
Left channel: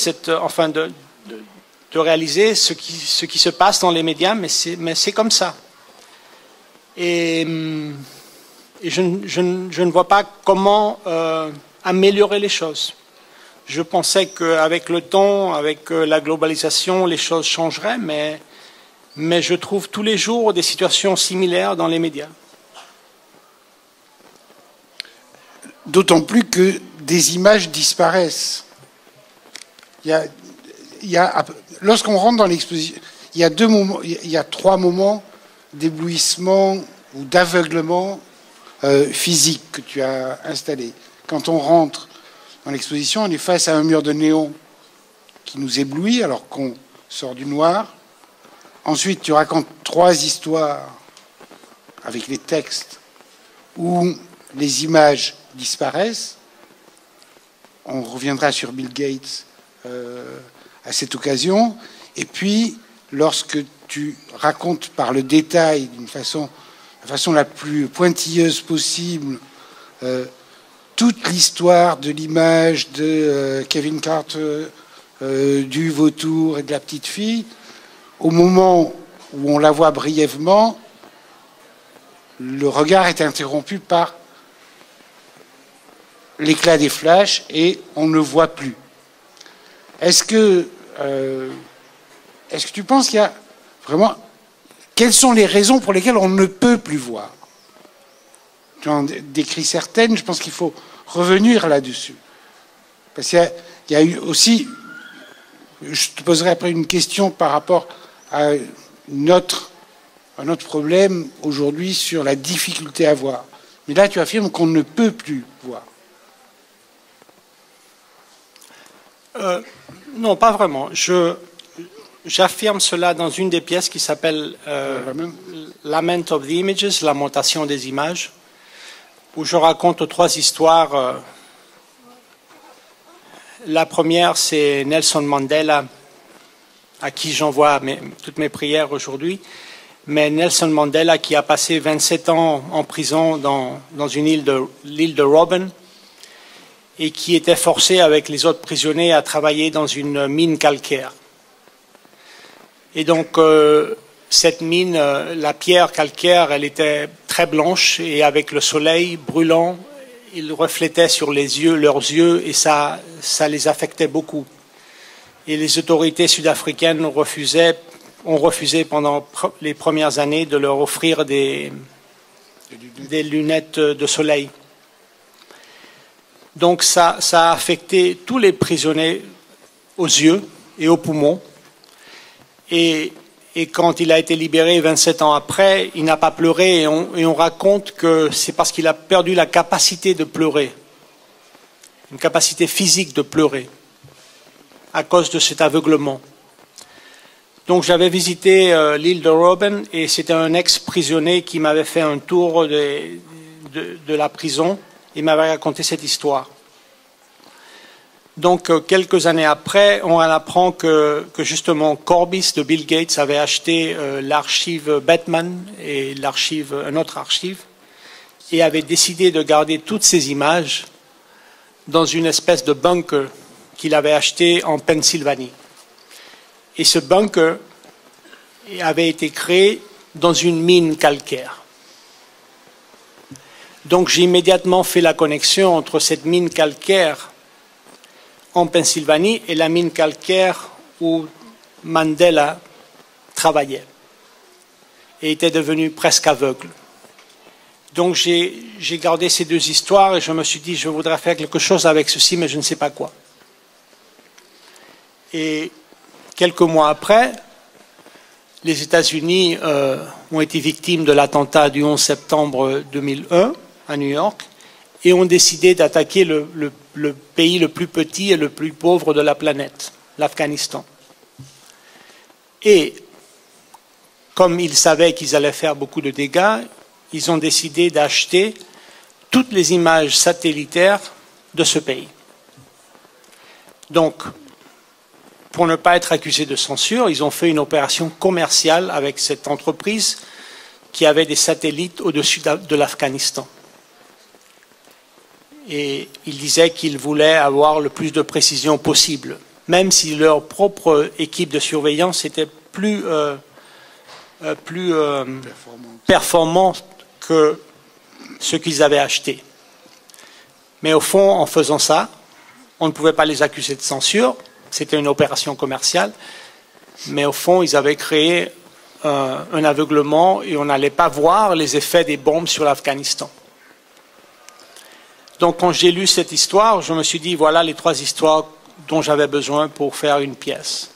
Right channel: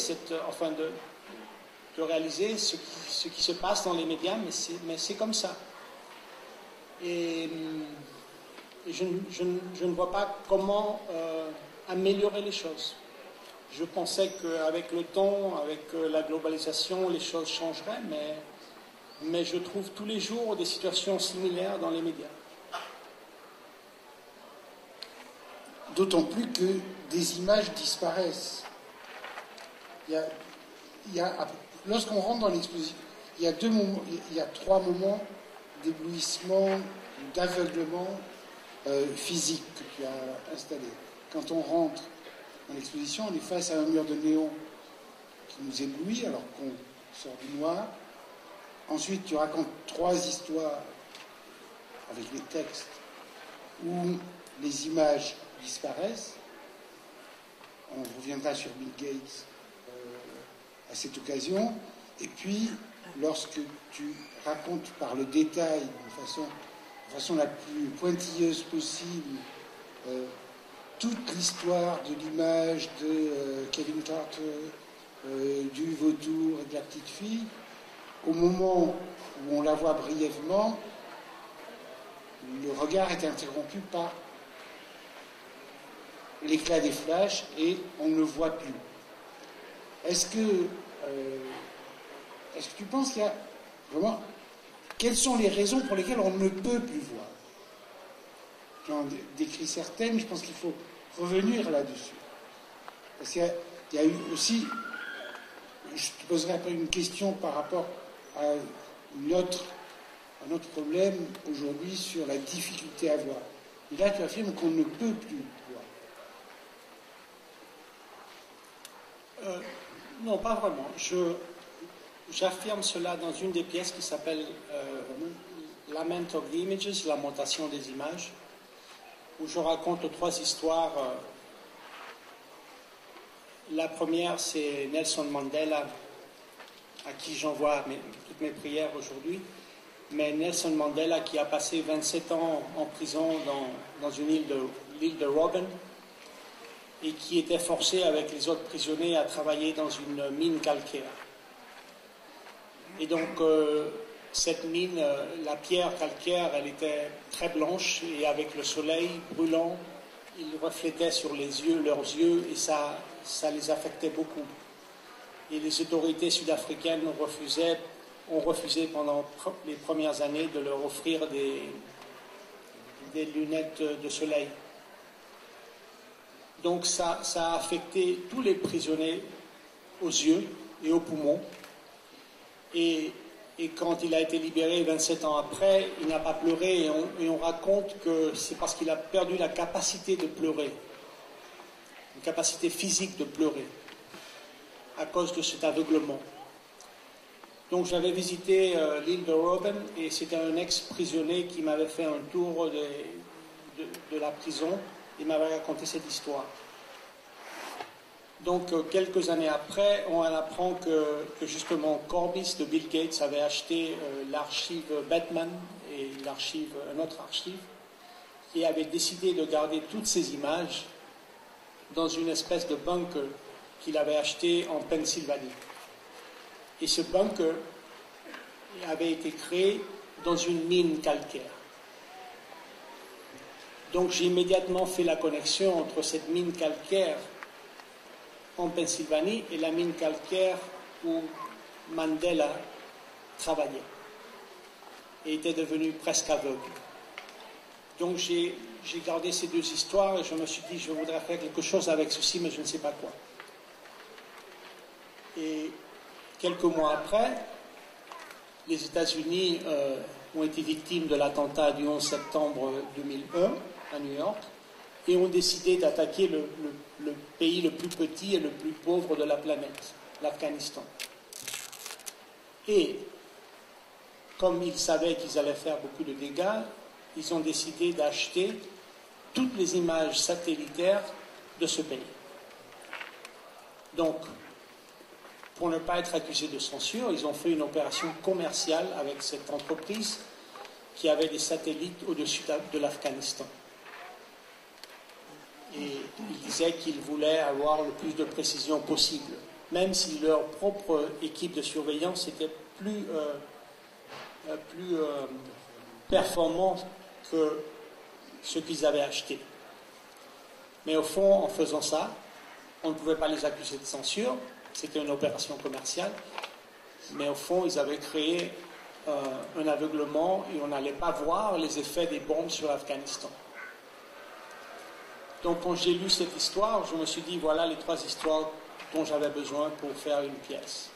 de réaliser ce qui se passe dans les médias, mais c'est comme ça. Et je ne vois pas comment améliorer les choses. Je pensais qu'avec le temps, avec la globalisation, les choses changeraient, mais je trouve tous les jours des situations similaires dans les médias. D'autant plus que des images disparaissent. Lorsqu'on rentre dans l'exposition, il y a 3 moments d'éblouissement ou d'aveuglement physique que tu as installé. Quand on rentre dans l'exposition, on est face à un mur de néon qui nous éblouit alors qu'on sort du noir. Ensuite, tu racontes 3 histoires avec les textes où les images disparaissent. On reviendra sur Bill Gates à cette occasion. Et puis, lorsque tu racontes par le détail, la façon la plus pointilleuse possible, toute l'histoire de l'image de Kevin Carter, du vautour et de la petite fille, au moment où on la voit brièvement, le regard est interrompu par l'éclat des flashs et on ne voit plus. Est-ce que tu penses qu'il y a vraiment... Quelles sont les raisons pour lesquelles on ne peut plus voir? Tu en décris certaines, je pense qu'il faut revenir là-dessus. Parce qu'il y a eu aussi... Je te poserai après une question par rapport à un autre problème aujourd'hui sur la difficulté à voir. Mais là, tu affirmes qu'on ne peut plus voir. Non, pas vraiment. J'affirme cela dans une des pièces qui s'appelle Lament of the Images, lamentation des images, où je raconte 3 histoires. La première, c'est Nelson Mandela, à qui j'envoie toutes mes prières aujourd'hui. Mais Nelson Mandela, qui a passé 27 ans en prison dans l'île de Robben, et qui était forcé avec les autres prisonniers à travailler dans une mine calcaire. Et donc, cette mine, la pierre calcaire, elle était très blanche, et avec le soleil brûlant, il reflétait sur leurs yeux, et ça les affectait beaucoup. Et les autorités sud-africaines ont refusé pendant les premières années de leur offrir des lunettes de soleil. Donc ça a affecté tous les prisonniers aux yeux et aux poumons. Et quand il a été libéré 27 ans après, il n'a pas pleuré. Et on raconte que c'est parce qu'il a perdu la capacité de pleurer, une capacité physique de pleurer, à cause de cet aveuglement. Donc j'avais visité l'île de Robben, et c'était un ex-prisonnier qui m'avait fait un tour de la prison. Il m'avait raconté cette histoire. Donc, quelques années après, on apprend que justement Corbis de Bill Gates avait acheté l'archive Batman et un autre archive, et avait décidé de garder toutes ces images dans une espèce de bunker qu'il avait acheté en Pennsylvanie. Et ce bunker avait été créé dans une mine calcaire. Donc j'ai immédiatement fait la connexion entre cette mine calcaire en Pennsylvanie et la mine calcaire où Mandela travaillait et était devenu presque aveugle. Donc j'ai gardé ces deux histoires et je me suis dit, je voudrais faire quelque chose avec ceci, mais je ne sais pas quoi. Et quelques mois après, les États-Unis ont été victimes de l'attentat du 11 septembre 2001 à New York et ont décidé d'attaquer le pays le plus petit et le plus pauvre de la planète, l'Afghanistan. Et comme ils savaient qu'ils allaient faire beaucoup de dégâts, ils ont décidé d'acheter toutes les images satellitaires de ce pays. Donc, pour ne pas être accusés de censure, ils ont fait une opération commerciale avec cette entreprise qui avait des satellites au-dessus de l'Afghanistan. Et ils disaient qu'ils voulaient avoir le plus de précision possible, même si leur propre équipe de surveillance était plus performante que ce qu'ils avaient acheté. Mais au fond, en faisant ça, on ne pouvait pas les accuser de censure. C'était une opération commerciale, mais au fond, ils avaient créé un aveuglement et on n'allait pas voir les effets des bombes sur l'Afghanistan. Donc, quand j'ai lu cette histoire, je me suis dit, voilà les trois histoires dont j'avais besoin pour faire une pièce.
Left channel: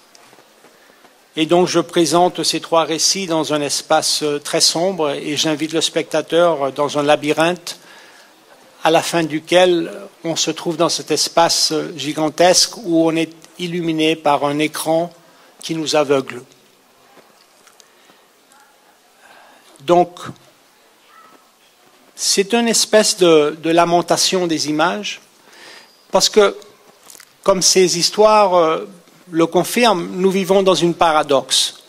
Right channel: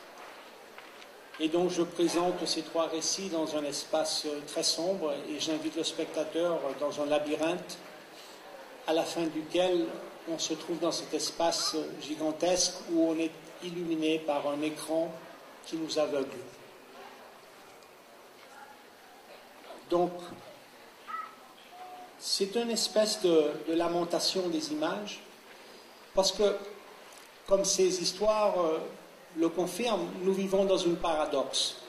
Et donc, je présente ces trois récits dans un espace très sombre et j'invite le spectateur dans un labyrinthe à la fin duquel on se trouve dans cet espace gigantesque où on est illuminé par un écran qui nous aveugle. Donc, c'est une espèce de lamentation des images, parce que, comme ces histoires le confirment, nous vivons dans une paradoxe.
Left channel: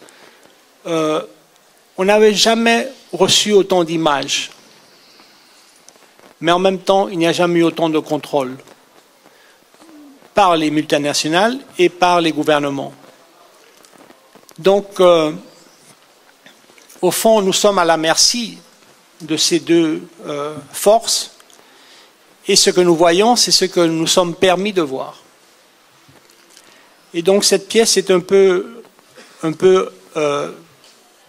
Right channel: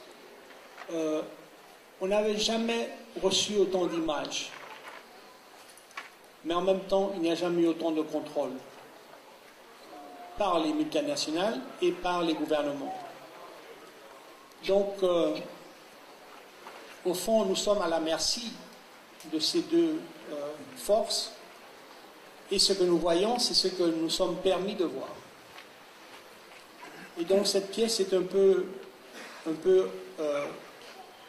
On n'avait jamais reçu autant d'images, mais en même temps, il n'y a jamais eu autant de contrôle par les multinationales et par les gouvernements. Donc, au fond, nous sommes à la merci de ces deux forces, et ce que nous voyons, c'est ce que nous sommes permis de voir. Et donc, cette pièce est un peu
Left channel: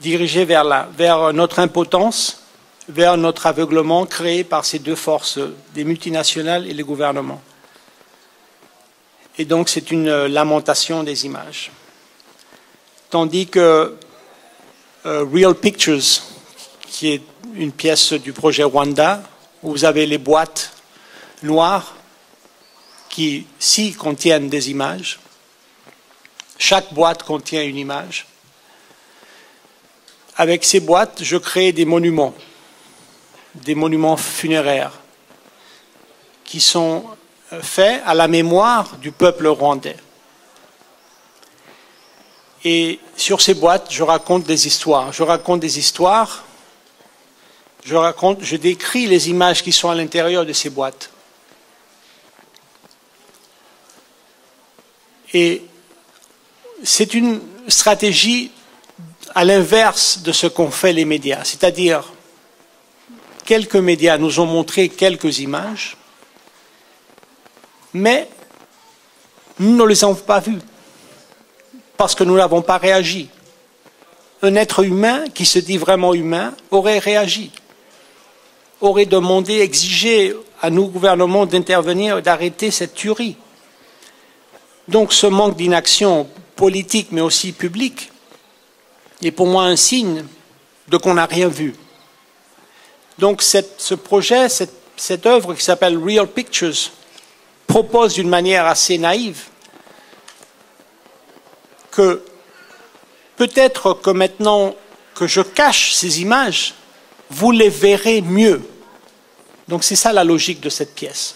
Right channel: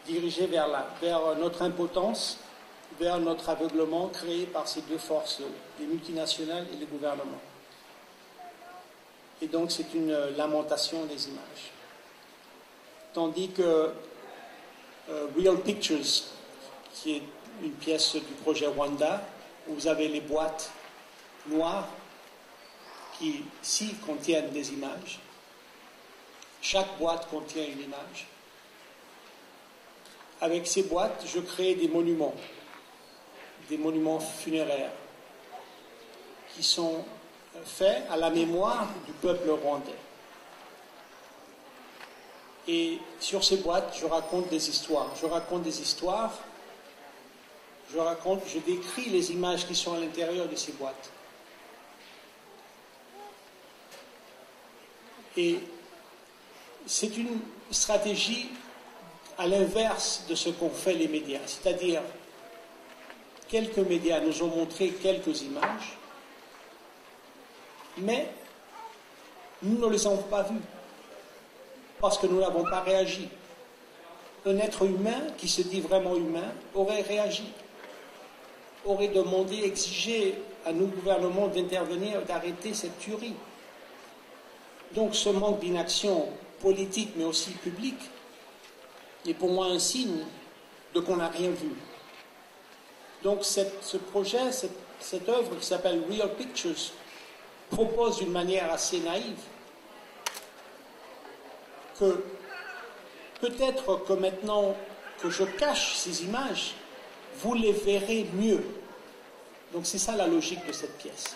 dirigée vers notre impotence, vers notre aveuglement créé par ces deux forces, les multinationales et les gouvernements. Et donc, c'est une lamentation des images. Tandis que Real Pictures, qui est une pièce du projet Rwanda, où vous avez les boîtes noires qui, si, contiennent des images. Chaque boîte contient une image. Avec ces boîtes, je crée des monuments funéraires, qui sont faits à la mémoire du peuple rwandais. Et sur ces boîtes, je raconte des histoires. Je décris les images qui sont à l'intérieur de ces boîtes. Et c'est une stratégie à l'inverse de ce qu'ont fait les médias. C'est-à-dire, quelques médias nous ont montré quelques images, mais nous ne les avons pas vues, parce que nous n'avons pas réagi. Un être humain qui se dit vraiment humain aurait réagi, aurait demandé, exigé à nos gouvernements d'intervenir et d'arrêter cette tuerie. Donc ce manque d'inaction politique, mais aussi publique, est pour moi un signe de qu'on n'a rien vu. Donc ce projet, cette œuvre qui s'appelle Real Pictures, propose d'une manière assez naïve que peut-être que maintenant que je cache ces images, vous les verrez mieux. Donc c'est ça la logique de cette pièce.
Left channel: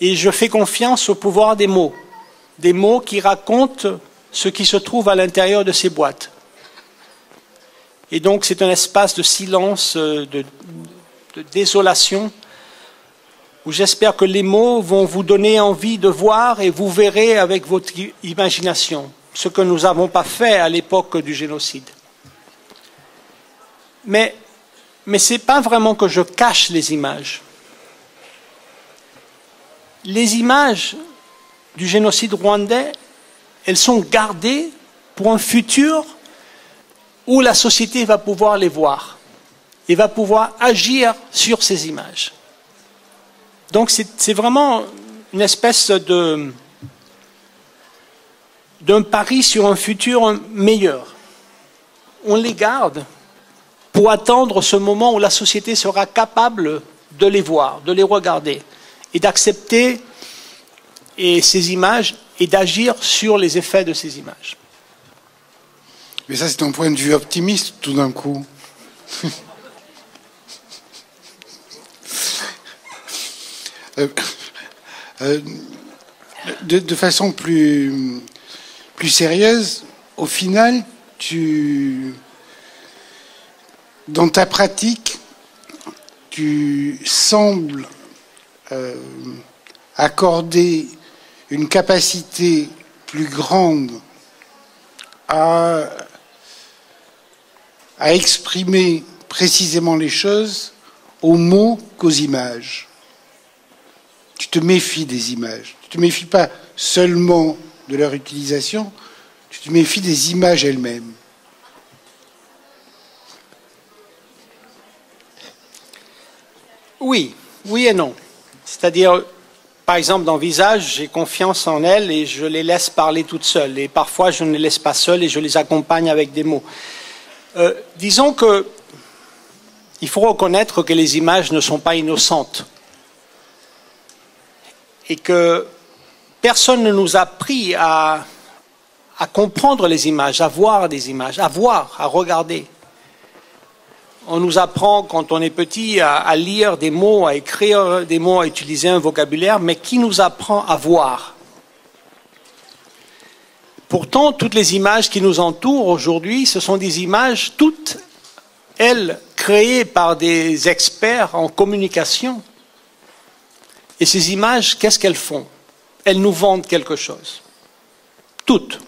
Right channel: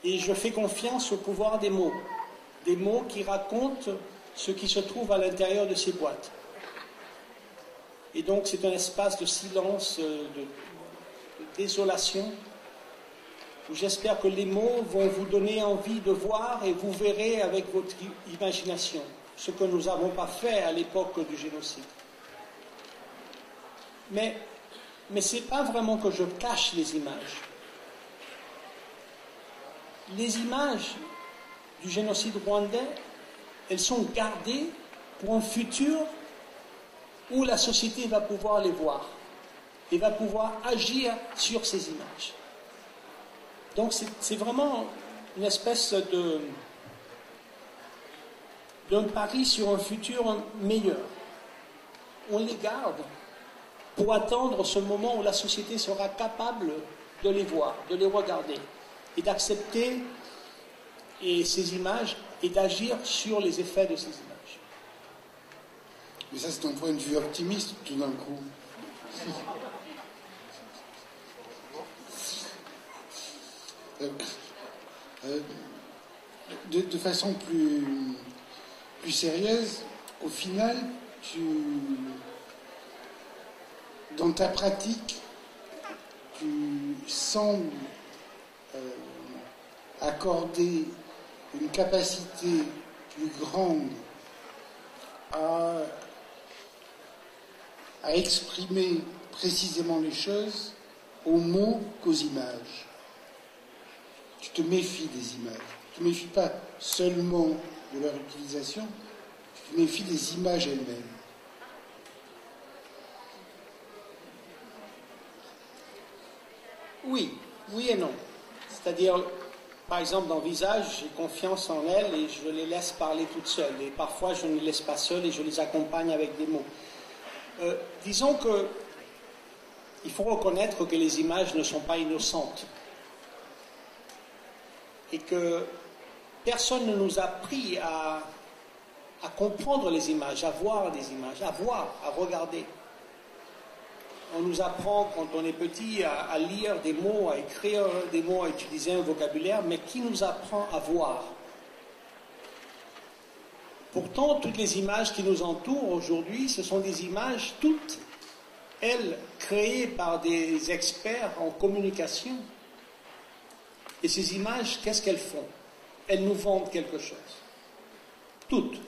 Et je fais confiance au pouvoir des mots qui racontent ce qui se trouve à l'intérieur de ces boîtes. Et donc c'est un espace de silence, de désolation, où j'espère que les mots vont vous donner envie de voir et vous verrez avec votre imagination ce que nous n'avons pas fait à l'époque du génocide. Mais ce n'est pas vraiment que je cache les images. Les images du génocide rwandais, elles sont gardées pour un futur où la société va pouvoir les voir. et va pouvoir agir sur ces images. Donc c'est vraiment une espèce d'un pari sur un futur meilleur. On les garde pour attendre ce moment où la société sera capable de les voir, de les regarder et d'accepter ces images et d'agir sur les effets de ces images. Mais ça, c'est un point de vue optimiste, tout d'un coup. De façon plus sérieuse, au final, dans ta pratique, tu sembles accorder une capacité plus grande à exprimer précisément les choses aux mots qu'aux images. Tu te méfies des images. Tu ne te méfies pas seulement de leur utilisation, tu te méfies des images elles-mêmes. Oui, oui et non. C'est-à-dire, par exemple, dans Visage, j'ai confiance en elles et je les laisse parler toutes seules. Et parfois, je ne les laisse pas seules et je les accompagne avec des mots. Disons que il faut reconnaître que les images ne sont pas innocentes et que personne ne nous a appris à comprendre les images, à voir des images, à voir, à regarder. On nous apprend quand on est petit à lire des mots, à écrire des mots, à utiliser un vocabulaire, mais qui nous apprend à voir? Pourtant, toutes les images qui nous entourent aujourd'hui, ce sont des images, toutes elles, créées par des experts en communication. Et ces images, qu'est-ce qu'elles font? Elles nous vendent quelque chose. Toutes.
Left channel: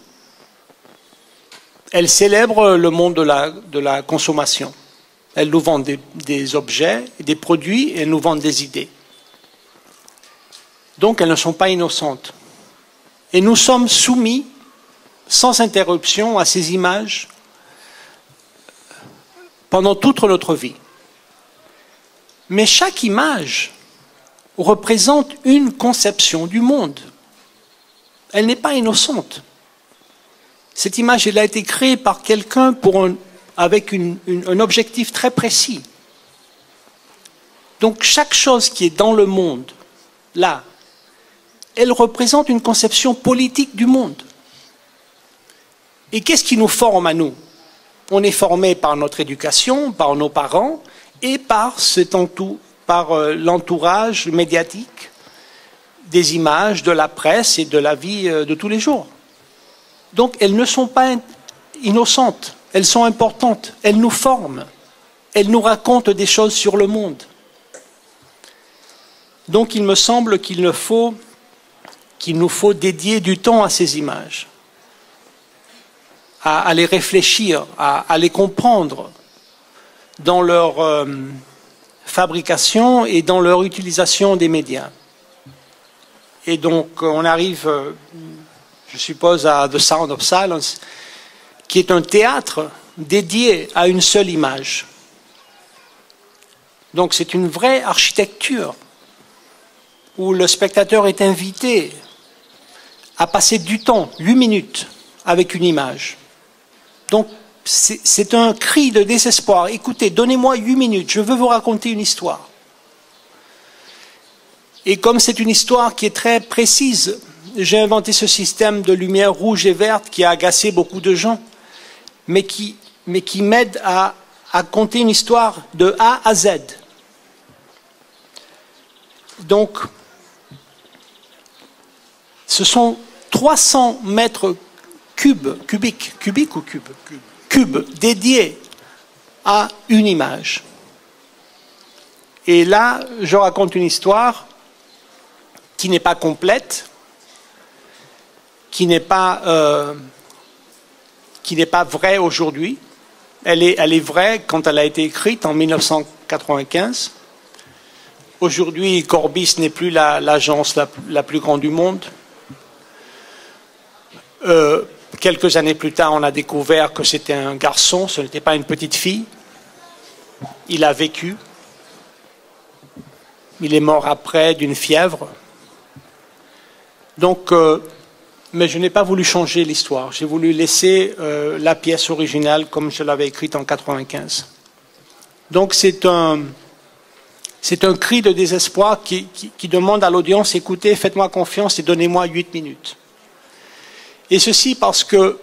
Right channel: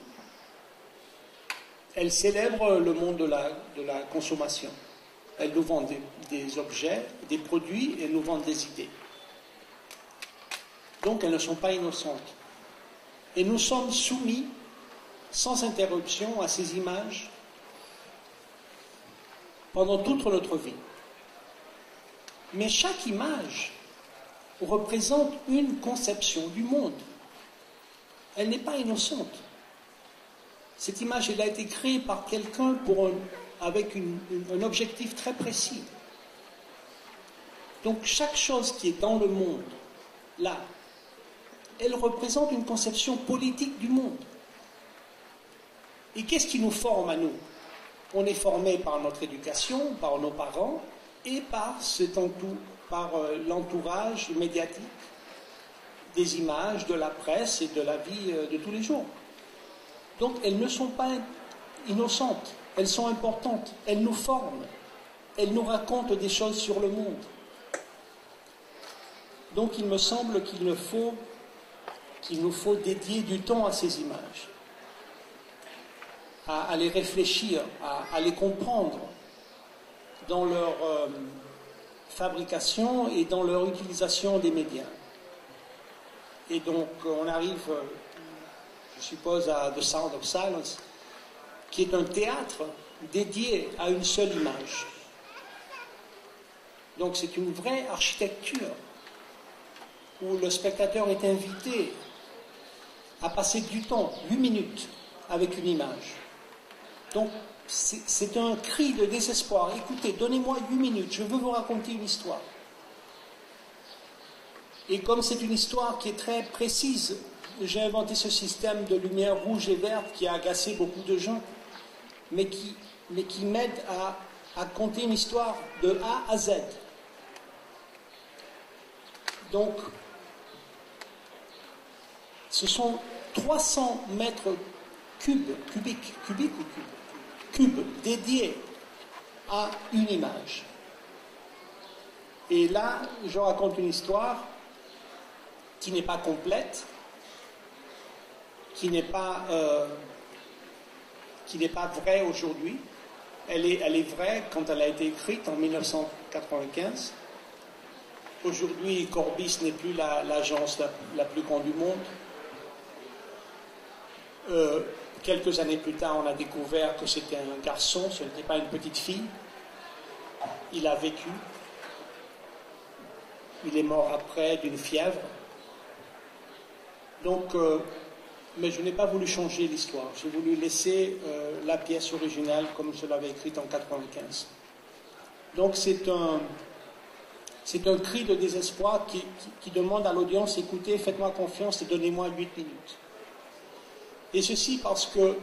Elles célèbrent le monde de la consommation. Elles nous vendent des objets, des produits, et elles nous vendent des idées. Donc elles ne sont pas innocentes. Et nous sommes soumis, sans interruption, à ces images pendant toute notre vie. Mais chaque image représente une conception du monde. Elle n'est pas innocente. Cette image, elle a été créée par quelqu'un avec un objectif très précis. Donc chaque chose qui est dans le monde, là, elle représente une conception politique du monde. Et qu'est-ce qui nous forme à nous? On est formé par notre éducation, par nos parents et par l'entourage médiatique, des images, de la presse et de la vie de tous les jours. Donc elles ne sont pas innocentes. Elles sont importantes, elles nous forment, elles nous racontent des choses sur le monde. Donc il me semble qu'il nous faut dédier du temps à ces images, à les réfléchir, à les comprendre dans leur fabrication et dans leur utilisation des médias. Et donc on arrive, je suppose, à The Sound of Silence, qui est un théâtre dédié à une seule image. Donc c'est une vraie architecture où le spectateur est invité à passer du temps, 8 minutes, avec une image. Donc c'est un cri de désespoir. Écoutez, donnez-moi 8 minutes, je veux vous raconter une histoire. Et comme c'est une histoire qui est très précise, j'ai inventé ce système de lumière rouge et verte qui a agacé beaucoup de gens, mais qui m'aide à conter une histoire de A à Z. Donc, ce sont 300 mètres cubiques dédiés à une image. Et là, je raconte une histoire qui n'est pas complète, qui n'est pas vraie aujourd'hui. Elle est vraie quand elle a été écrite en 1995. Aujourd'hui, Corbis n'est plus l'agence la plus grande du monde. Quelques années plus tard, on a découvert que c'était un garçon, ce n'était pas une petite fille. il a vécu. Il est mort après d'une fièvre. Donc, mais je n'ai pas voulu changer l'histoire. J'ai voulu laisser la pièce originale comme je l'avais écrite en 95. Donc c'est un cri de désespoir qui demande à l'audience, écoutez, faites-moi confiance et donnez-moi 8 minutes. Et ceci parce que,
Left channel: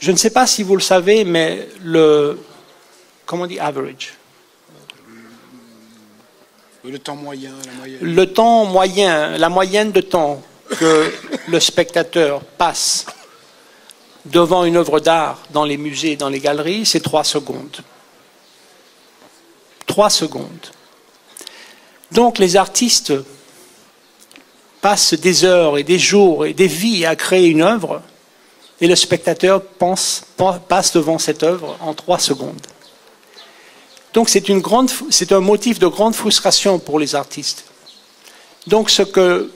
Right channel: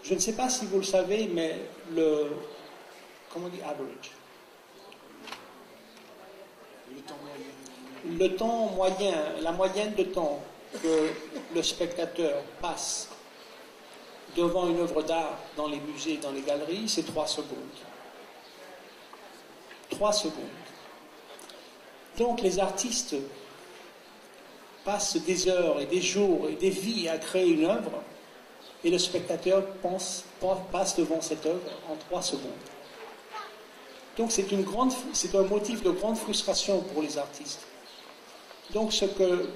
je ne sais pas si vous le savez, mais comment on dit average? Le temps moyen, la moyenne. Le temps moyen, la moyenne de temps que le spectateur passe devant une œuvre d'art dans les musées, dans les galeries, c'est 3 secondes. 3 secondes. Donc les artistes passent des heures et des jours et des vies à créer une œuvre et le spectateur passe devant cette œuvre en 3 secondes. Donc c'est un motif de grande frustration pour les artistes. Donc ce que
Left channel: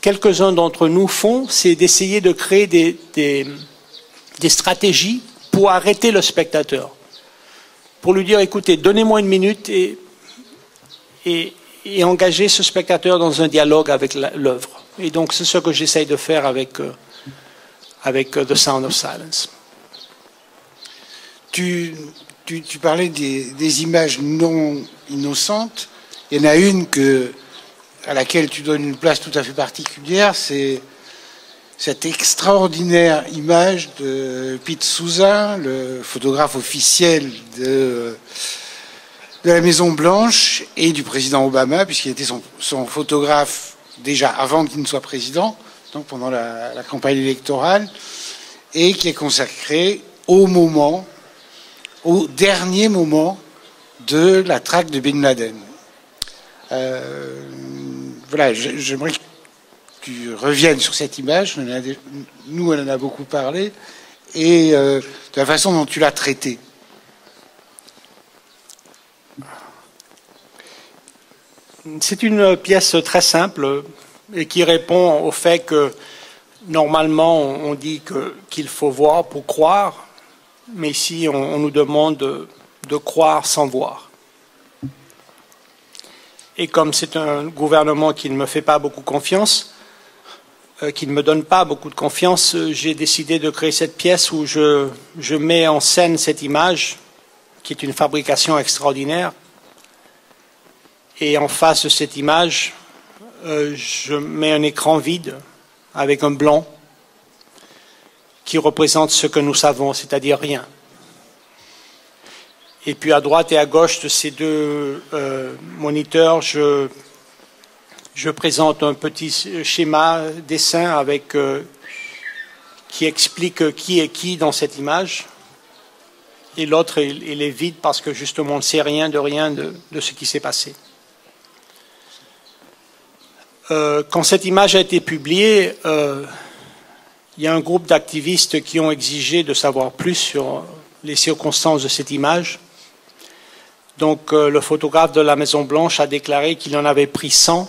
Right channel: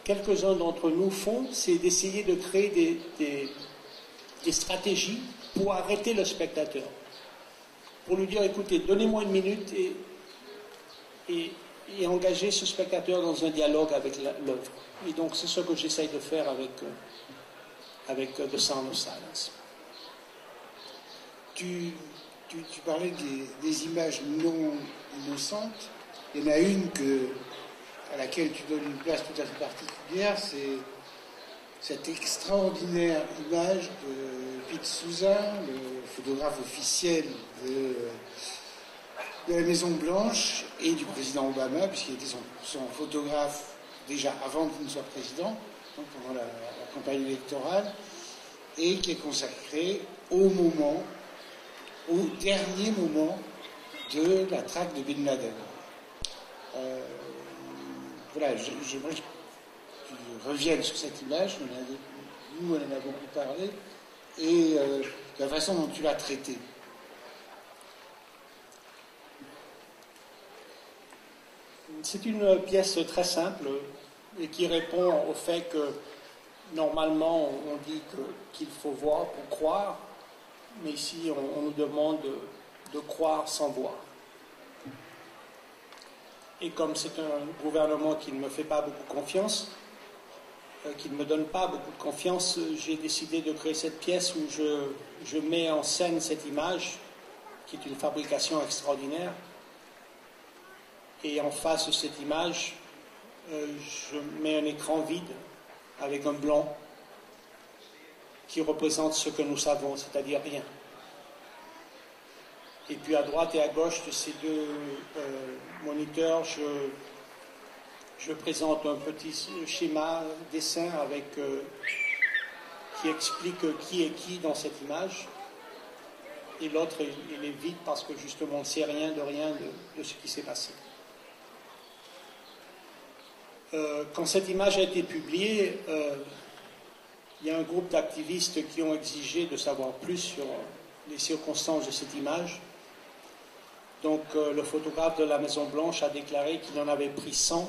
quelques-uns d'entre nous font, c'est d'essayer de créer des stratégies pour arrêter le spectateur. Pour lui dire, écoutez, donnez-moi 1 minute et engager ce spectateur dans un dialogue avec l'œuvre. Et donc c'est ce que j'essaye de faire avec The Sound of Silence. Tu parlais des images non innocentes. Il y en a une à laquelle tu donnes une place tout à fait particulière, c'est cette extraordinaire image de Pete Souza, le photographe officiel de la Maison-Blanche et du président Obama, puisqu'il était son photographe déjà avant qu'il ne soit président, donc pendant la campagne électorale, et qui est consacré au dernier moment de la traque de Bin Laden. Voilà, j'aimerais que tu reviennes sur cette image. Nous, on en a beaucoup parlé, et de la façon dont tu l'as traitée. C'est une pièce très simple et qui répond au fait que normalement on dit qu'il faut voir pour croire, mais ici on nous demande de croire sans voir. Et comme c'est un gouvernement qui ne me fait pas beaucoup confiance, qui ne me donne pas beaucoup de confiance, j'ai décidé de créer cette pièce où je mets en scène cette image, qui est une fabrication extraordinaire. Et en face de cette image, je mets un écran vide avec un blanc qui représente ce que nous savons, c'est-à-dire rien. Et puis à droite et à gauche de ces deux moniteurs, je présente un petit schéma, dessin qui explique qui est qui dans cette image. Et l'autre, il est vide parce que justement on ne sait rien de ce qui s'est passé. Quand cette image a été publiée, il y a un groupe d'activistes qui ont exigé de savoir plus sur les circonstances de cette image. Donc le photographe de la Maison-Blanche a déclaré qu'il en avait pris 100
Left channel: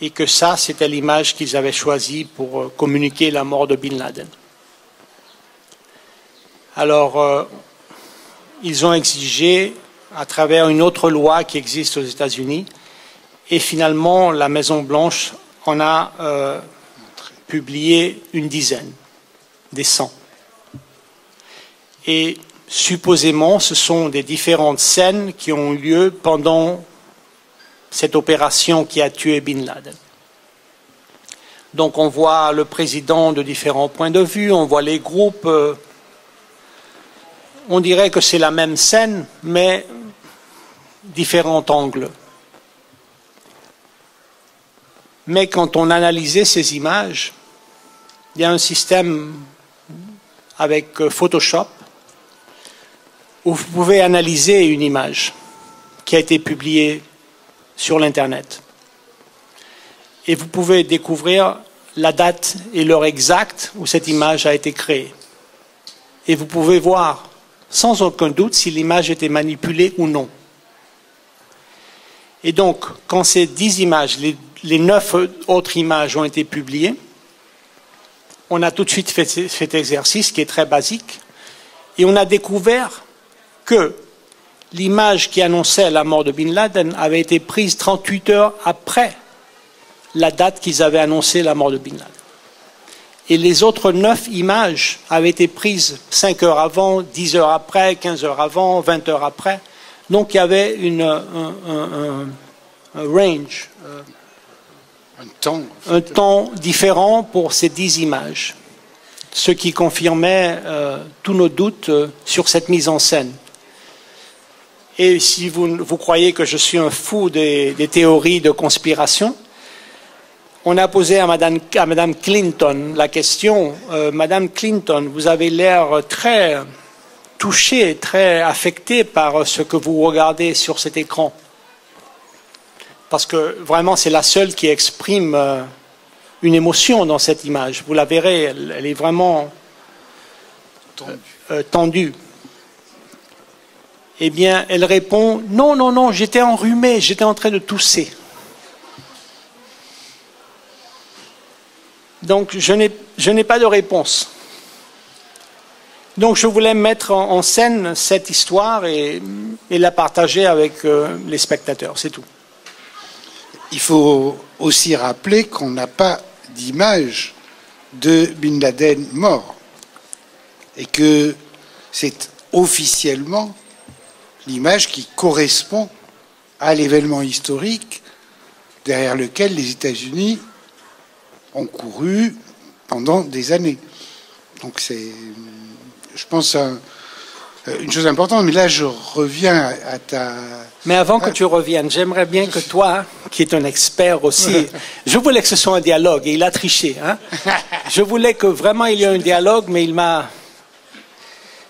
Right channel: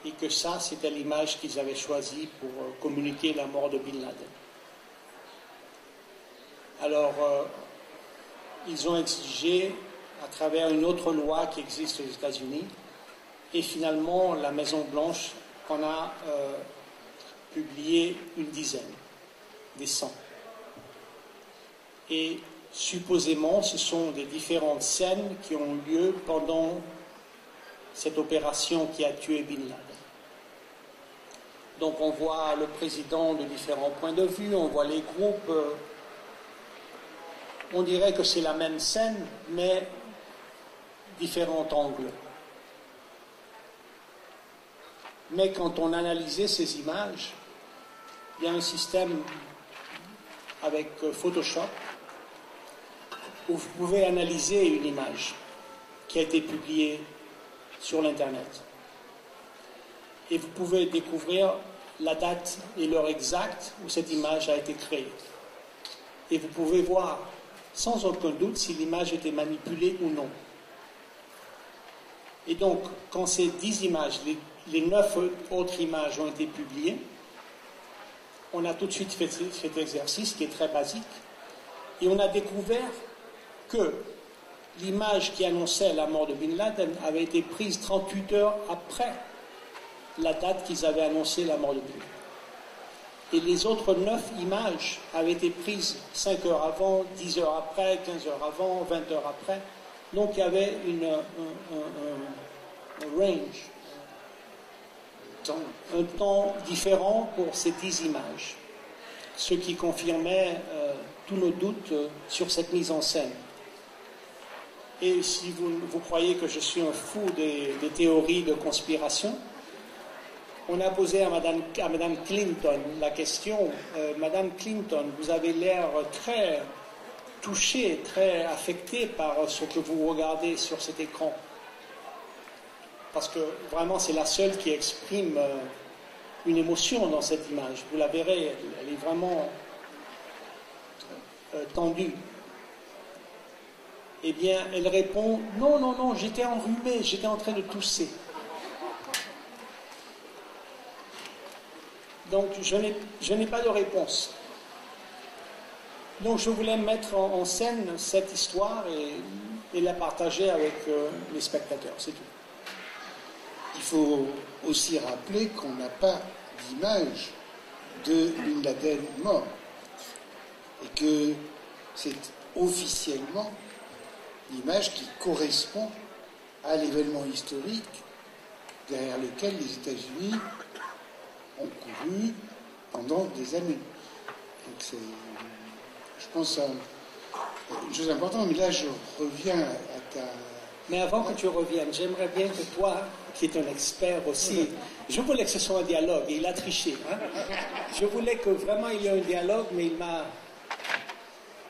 et que ça, c'était l'image qu'ils avaient choisie pour communiquer la mort de Bin Laden. Alors, ils ont exigé, à travers une autre loi qui existe aux États-Unis, et finalement, la Maison-Blanche en a publié une dizaine, des 100. Et supposément, ce sont des différentes scènes qui ont eu lieu pendant cette opération qui a tué Bin Laden. Donc on voit le président de différents points de vue, on voit les groupes. On dirait que c'est la même scène, mais différents angles. Mais quand on analysait ces images, il y a un système avec Photoshop où vous pouvez analyser une image qui a été publiée sur l'Internet. Et vous pouvez découvrir la date et l'heure exacte où cette image a été créée. Et vous pouvez voir sans aucun doute si l'image était manipulée ou non. Et donc, quand ces 10 images, les 9 autres images ont été publiées, on a tout de suite fait cet exercice qui est très basique, et on a découvert que l'image qui annonçait la mort de Bin Laden avait été prise 38 heures après la date qu'ils avaient annoncé la mort de Bin Laden. Et les autres 9 images avaient été prises 5 heures avant, 10 heures après, 15 heures avant, 20 heures après. Donc il y avait un range, un temps différent pour ces 10 images, ce qui confirmait tous nos doutes sur cette mise en scène. Et si vous croyez que je suis un fou des théories de conspiration, on a posé à Madame Clinton la question, Madame Clinton, vous avez l'air très touchée, très affectée par ce que vous regardez sur cet écran. Parce que vraiment, c'est la seule qui exprime une émotion dans cette image. Vous la verrez, elle est vraiment tendue. Eh bien, elle répond, non, non, non, j'étais enrhumée, j'étais en train de tousser. Donc, je n'ai pas de réponse. Donc, je voulais mettre en scène cette histoire et la partager avec les spectateurs, c'est tout. Il faut aussi rappeler qu'on n'a pas d'image de Bin Laden mort et que c'est officiellement l'image qui correspond à l'événement historique derrière lequel les États-Unis ont couru pendant des années. Donc c'est, je pense, une chose importante. Mais là, je reviens à ta... Mais avant que tu reviennes, j'aimerais bien que toi, qui es un expert aussi, je voulais que ce soit un dialogue, et il a triché. Hein? Je voulais que vraiment il y ait un dialogue, mais il m'a...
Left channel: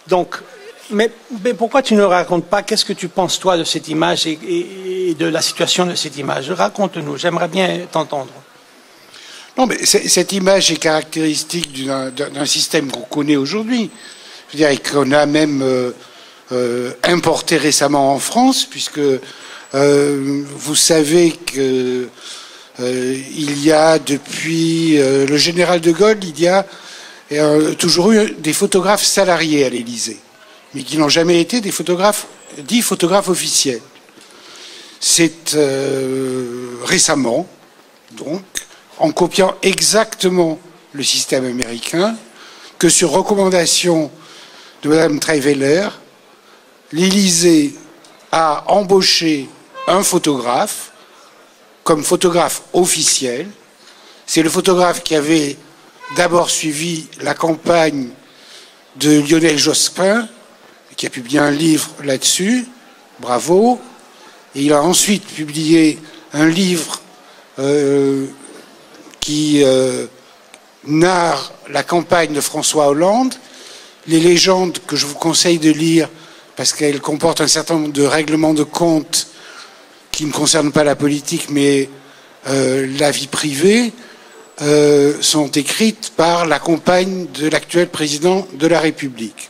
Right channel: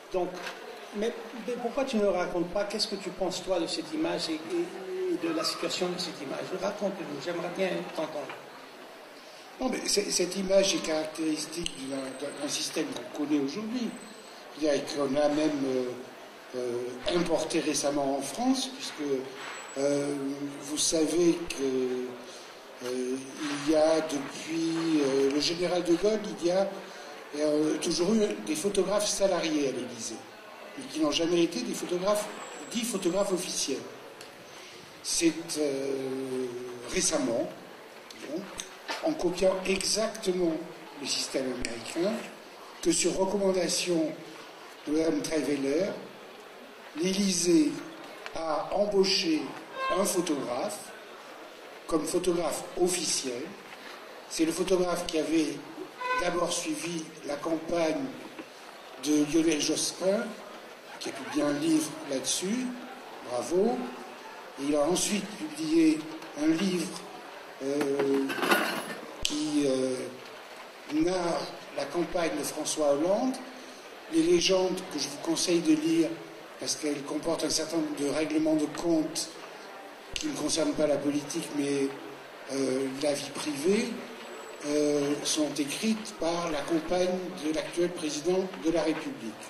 Donc, mais pourquoi tu ne racontes pas qu'est-ce que tu penses, toi, de cette image et de la situation de cette image? Raconte-nous, j'aimerais bien t'entendre. Non, mais cette image est caractéristique d'un système qu'on connaît aujourd'hui. Je veux dire, qu'on a même importé récemment en France, puisque vous savez que il y a depuis le général de Gaulle, il y a toujours eu des photographes salariés à l'Élysée, mais qui n'ont jamais été des photographes, dits photographes officiels. C'est récemment, donc, en copiant exactement le système américain, que sur recommandation de Mme Traiveller, l'Élysée a embauché un photographe comme photographe officiel. C'est le photographe qui avait d'abord suivi la campagne de Lionel Jospin, qui a publié un livre là-dessus, bravo, et il a ensuite publié un livre qui narre la campagne de François Hollande, les légendes que je vous conseille de lire parce qu'elles comportent un certain nombre de règlements de compte qui ne concernent pas la politique mais la vie privée, sont écrites par la compagne de l'actuel président de la République.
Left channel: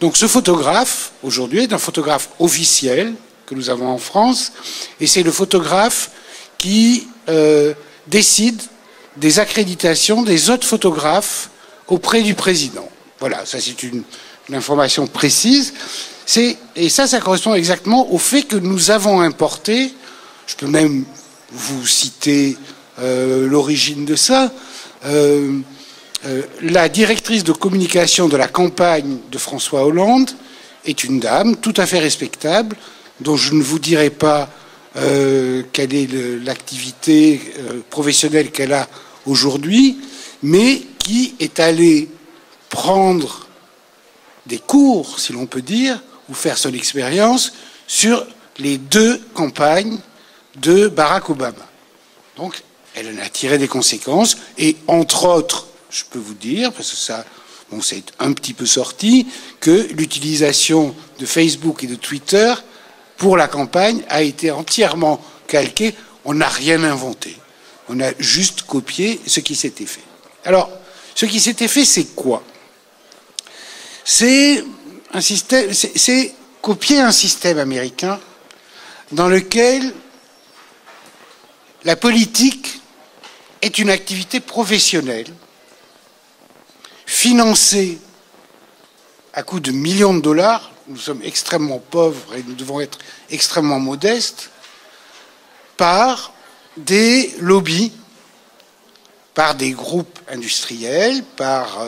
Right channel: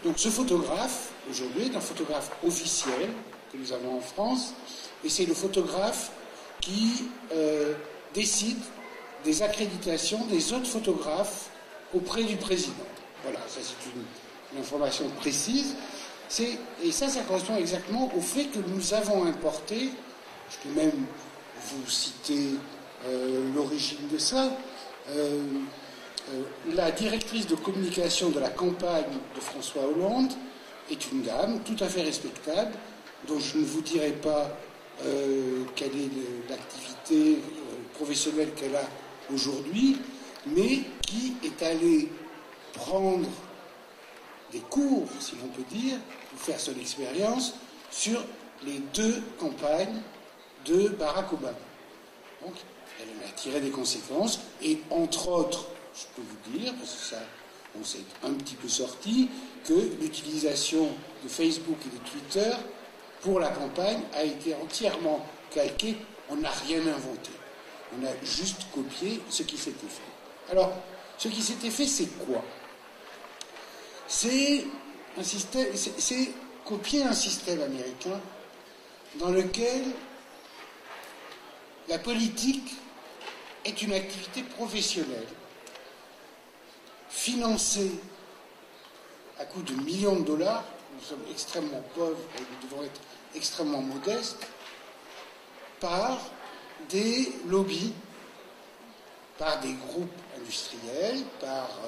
Donc ce photographe, aujourd'hui, est un photographe officiel que nous avons en France, et c'est le photographe qui décide des accréditations des autres photographes auprès du président. Voilà, ça c'est une information précise. Et ça correspond exactement au fait que nous avons importé, je peux même vous citer l'origine de ça, la directrice de communication de la campagne de François Hollande est une dame tout à fait respectable, dont je ne vous dirai pas quelle est l'activité professionnelle qu'elle a aujourd'hui, mais qui est allée prendre des cours, si l'on peut dire, ou faire son expérience sur les 2 campagnes de Barack Obama. Donc, elle en a tiré des conséquences, et entre autres, je peux vous dire, parce que ça, bon, c'est un petit peu sorti, que l'utilisation de Facebook et de Twitter pour la campagne a été entièrement calquée. On n'a rien inventé. On a juste copié ce qui s'était fait. Alors, ce qui s'était fait, c'est quoi? C'est un système, c'est copier un système américain dans lequel la politique est une activité professionnelle, financée à coût de millions de dollars nous sommes extrêmement pauvres et nous devons être extrêmement modestes, par des lobbies, par des groupes industriels, par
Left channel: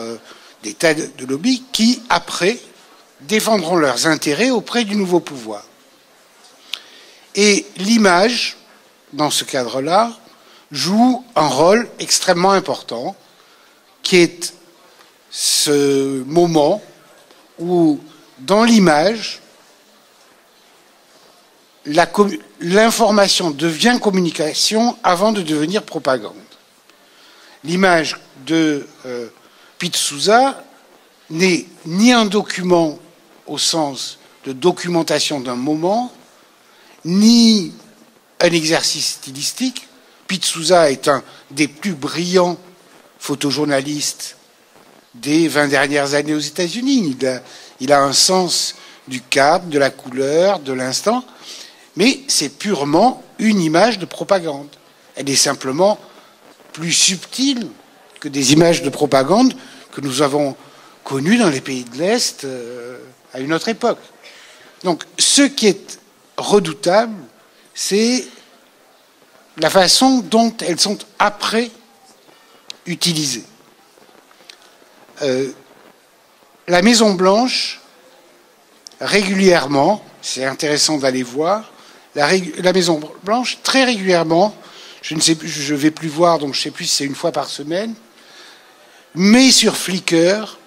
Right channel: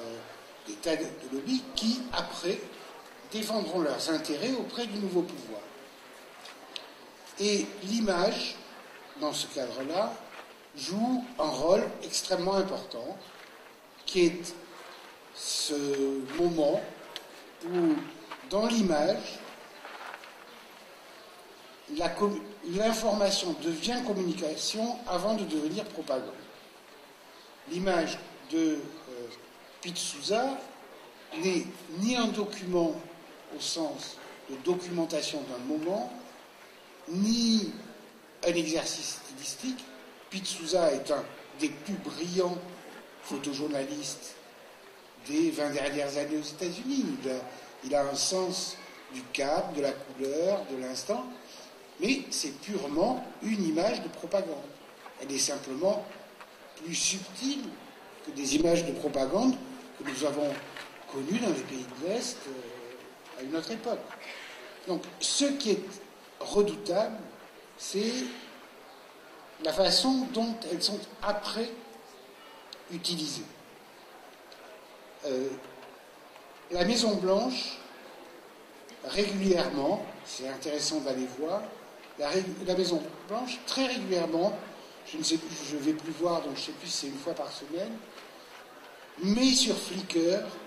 des tas de lobbies qui, après, défendront leurs intérêts auprès du nouveau pouvoir. Et l'image, dans ce cadre-là, joue un rôle extrêmement important, qui est ce moment où, dans l'image, l'information devient communication avant de devenir propagande. L'image de Pete Souza n'est ni un document au sens de documentation d'un moment, ni un exercice stylistique. Pete Souza est un des plus brillants photojournalistes des 20 dernières années aux États-Unis. Il a un sens du cadre, de la couleur, de l'instant, mais c'est purement une image de propagande. Elle est simplement plus subtile que des images de propagande que nous avons connues dans les pays de l'Est à une autre époque. Donc, ce qui est redoutable, c'est la façon dont elles sont après utilisées. La Maison-Blanche, régulièrement, c'est intéressant d'aller voir, la Maison-Blanche, très régulièrement, je ne vais plus voir, donc je ne sais plus si c'est une fois par semaine, met sur Flickr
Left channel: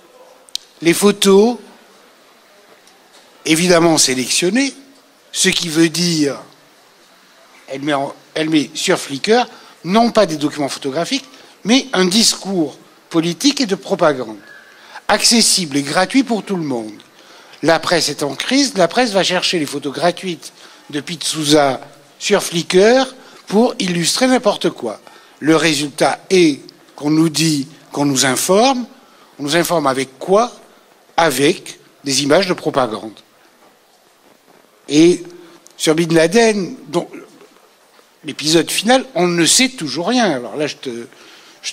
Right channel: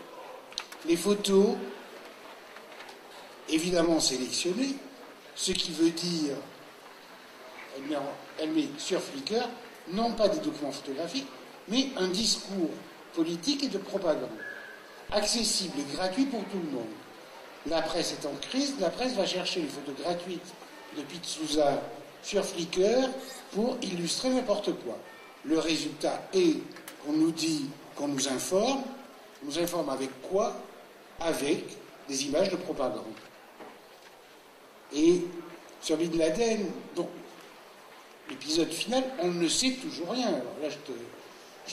les photos, évidemment sélectionnées, ce qui veut dire, elle met sur Flickr, non pas des documents photographiques, mais un discours politique et de propagande, accessible et gratuit pour tout le monde. La presse est en crise, la presse va chercher les photos gratuites de Pete Souza sur Flickr pour illustrer n'importe quoi. Le résultat est qu'on nous dit, qu'on nous informe. On nous informe avec quoi? Avec des images de propagande. Et sur Bin Laden, dont l'épisode final, on ne sait toujours rien. Alors là, je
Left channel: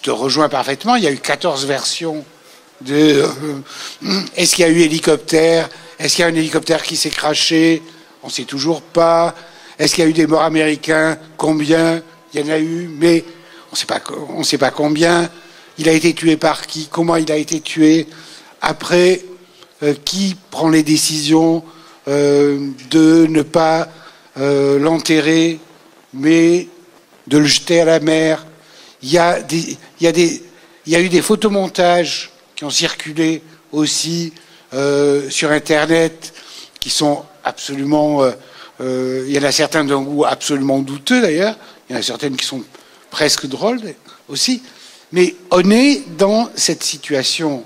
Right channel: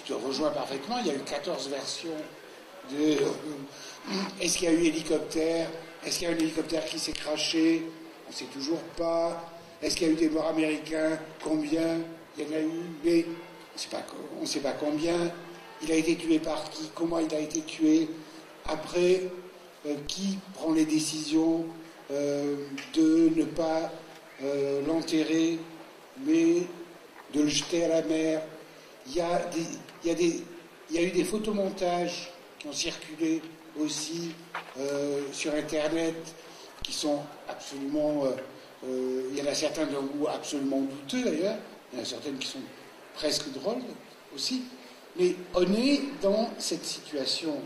te rejoins parfaitement. Il y a eu 14 versions de est-ce qu'il y a eu hélicoptère? Est-ce qu'il y a un hélicoptère qui s'est crashé? On ne sait toujours pas. Est-ce qu'il y a eu des morts américains? Combien? Il y en a eu, mais on ne sait pas combien. Il a été tué par qui? Comment il a été tué? Après, qui prend les décisions de ne pas l'enterrer, mais de le jeter à la mer? Il y a eu des photomontages qui ont circulé aussi sur Internet, qui sont absolument... il y en a certains d'un goût absolument douteux, d'ailleurs. Il y en a certaines qui sont presque drôles aussi. Mais on est dans cette situation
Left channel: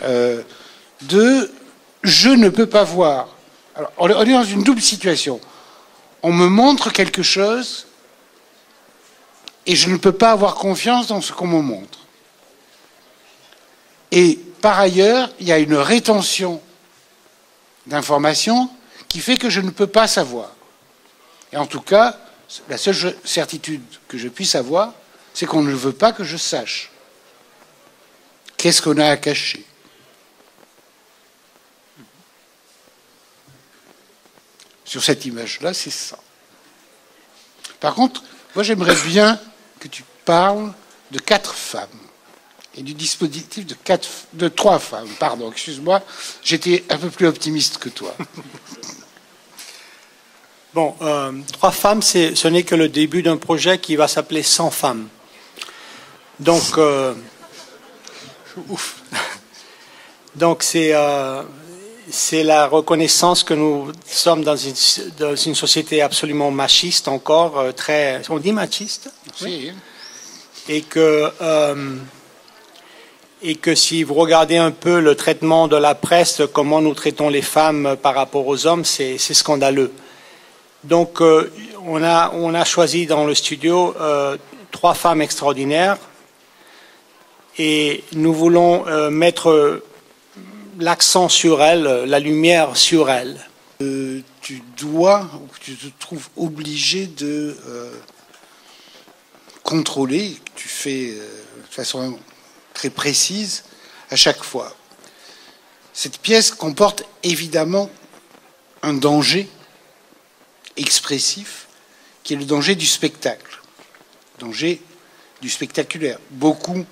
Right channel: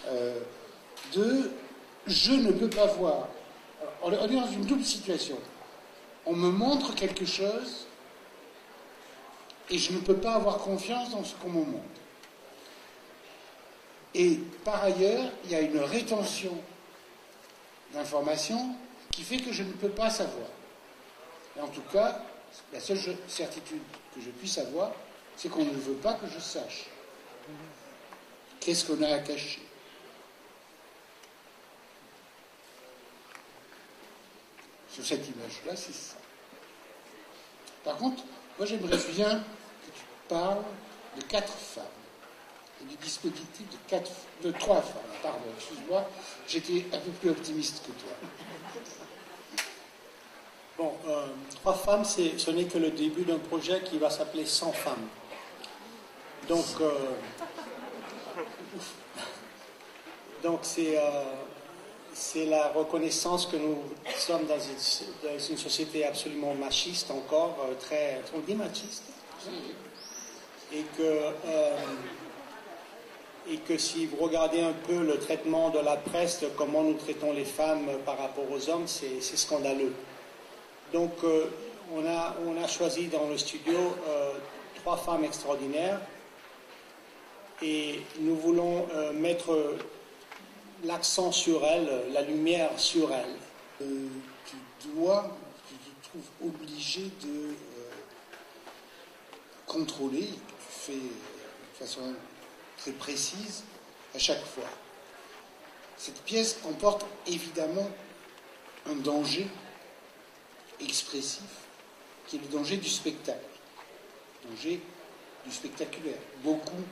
de « je ne peux pas voir ». Alors, on est dans une double situation. On me montre quelque chose et je ne peux pas avoir confiance dans ce qu'on me montre. Et par ailleurs, il y a une rétention d'informations qui fait que je ne peux pas savoir. Et en tout cas, la seule certitude que je puisse avoir, c'est qu'on ne veut pas que je sache. Qu'est-ce qu'on a à cacher? Sur cette image-là, c'est ça. Par contre, moi j'aimerais bien que tu parles de 4 femmes et du dispositif de 3 femmes. Pardon, excuse-moi, j'étais un peu plus optimiste que toi. Bon, 3 femmes, ce n'est que le début d'un projet qui va s'appeler 100 femmes. Donc, c'est la reconnaissance que nous sommes dans une société absolument machiste encore, très... On dit machiste? Oui. Et que si vous regardez un peu le traitement de la presse, comment nous traitons les femmes par rapport aux hommes, c'est scandaleux. Donc, on a choisi dans le studio 3 femmes extraordinaires et nous voulons mettre l'accent sur elles, la lumière sur elles. Tu dois, ou tu te trouves obligé de contrôler, que tu fais de façon très précise à chaque fois. Cette pièce comporte évidemment un danger expressif qui est le danger du spectacle, le danger du spectaculaire. Beaucoup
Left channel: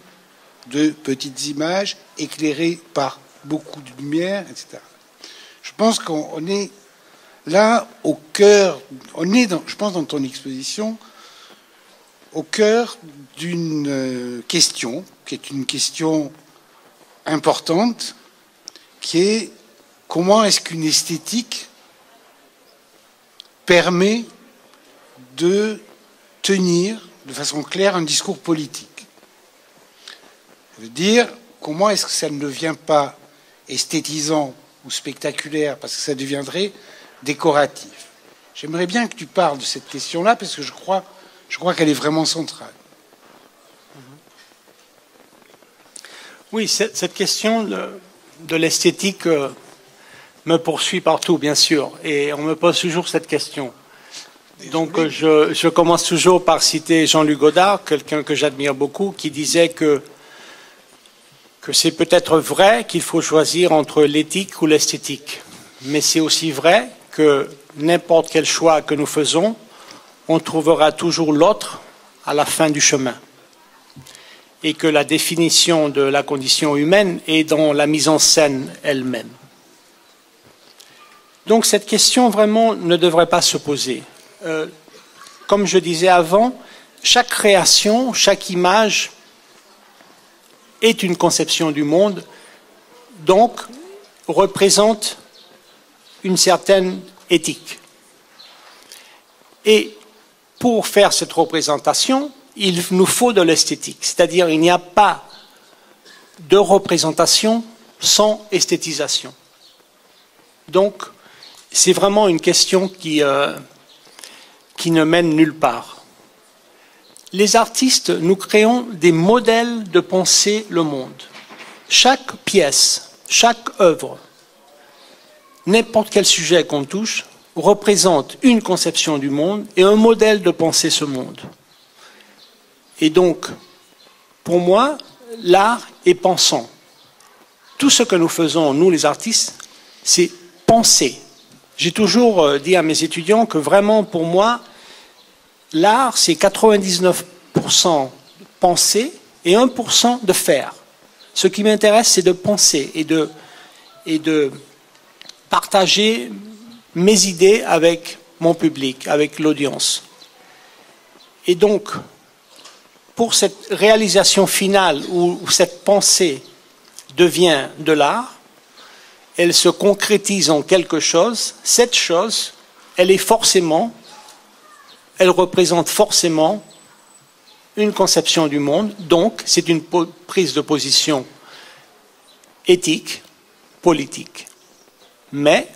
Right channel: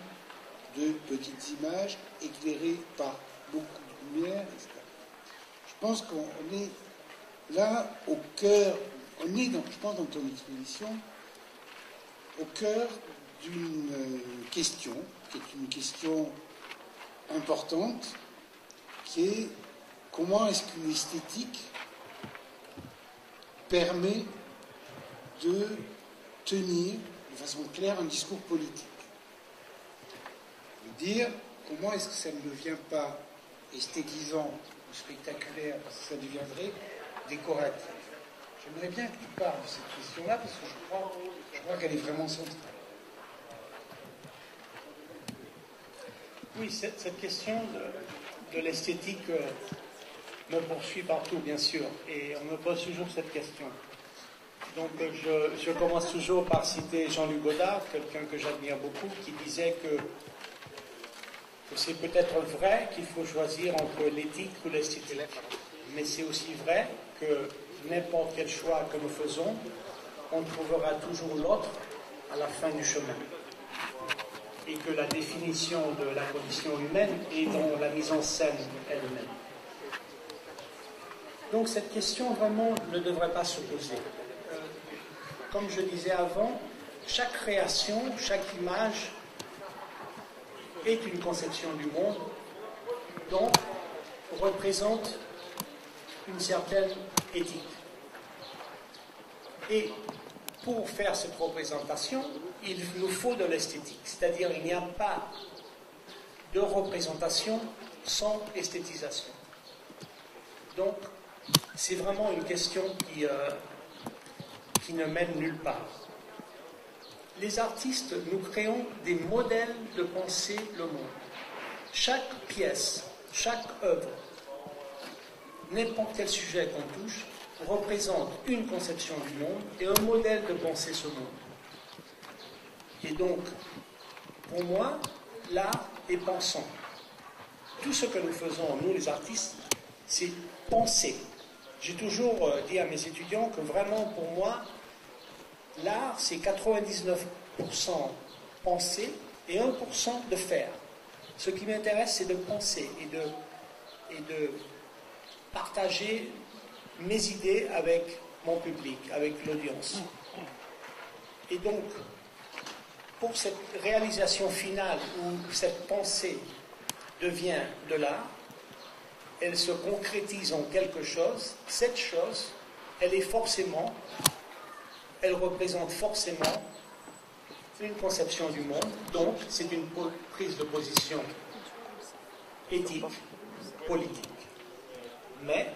de petites images éclairées par beaucoup de lumière, etc. Je pense qu'on est là au cœur, on est, je pense, dans ton exposition, au cœur d'une question, qui est une question importante, qui est comment est-ce qu'une esthétique permet de tenir de façon claire un discours politique. Je veux dire, comment est-ce que ça ne devient pas esthétisant ou spectaculaire, parce que ça deviendrait décoratif. J'aimerais bien que tu parles de cette question-là, parce que je crois qu'elle est vraiment centrale. Oui, cette question de l'esthétique me poursuit partout, bien sûr, et on me pose toujours cette question. Donc je commence toujours par citer Jean-Luc Godard, quelqu'un que j'admire beaucoup, qui disait que c'est peut-être vrai qu'il faut choisir entre l'éthique ou l'esthétique, mais c'est aussi vrai que n'importe quel choix que nous faisons, on trouvera toujours l'autre à la fin du chemin. Et que la définition de la condition humaine est dans la mise en scène elle-même. Donc cette question vraiment ne devrait pas se poser. Comme je disais avant, chaque création, chaque image est une conception du monde, donc représente une certaine éthique. Et pour faire cette représentation, il nous faut de l'esthétique, c'est-à-dire il n'y a pas de représentation sans esthétisation. Donc, c'est vraiment une question qui ne mène nulle part. Les artistes, nous créons des modèles de penser le monde. Chaque pièce, chaque œuvre, n'importe quel sujet qu'on touche, représente une conception du monde et un modèle de penser ce monde. Et donc, pour moi, l'art est pensant. Tout ce que nous faisons, nous les artistes, c'est penser. J'ai toujours dit à mes étudiants que vraiment, pour moi, l'art, c'est 99% penser et 1% de faire. Ce qui m'intéresse, c'est de penser et de partager mes idées avec mon public, avec l'audience. Et donc, pour cette réalisation finale où cette pensée devient de l'art, elle se concrétise en quelque chose. Cette chose, elle représente forcément une conception du monde. Donc, c'est une prise de position éthique, politique. Mais,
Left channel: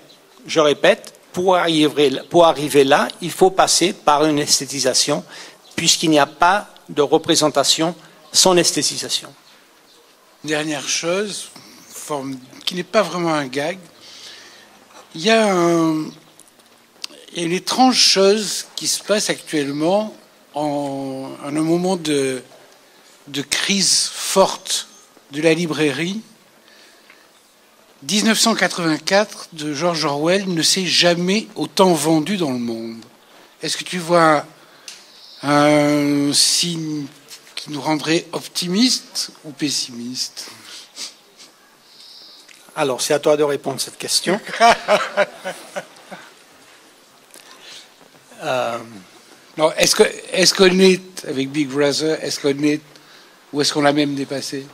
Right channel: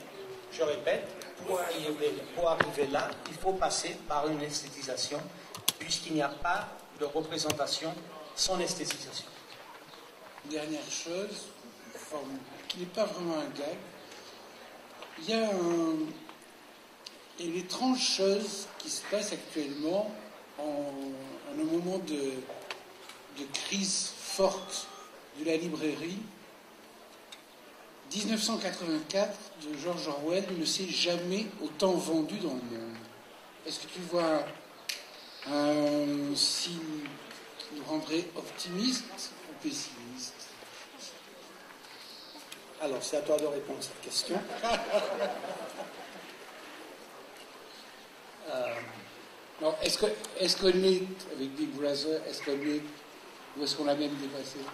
je répète, pour arriver là, il faut passer par une esthétisation, puisqu'il n'y a pas de représentation sans esthétisation. Dernière chose, qui n'est pas vraiment un gag, il y a une étrange chose qui se passe actuellement en un moment de crise forte de la librairie. 1984 de George Orwell ne s'est jamais autant vendu dans le monde. Est-ce que tu vois un signe qui nous rendrait optimistes ou pessimistes? Alors, c'est à toi de répondre à cette question. Non, est-ce qu'on est avec Big Brother, est-ce qu'on est, ou est-ce qu'on l'a même dépassé?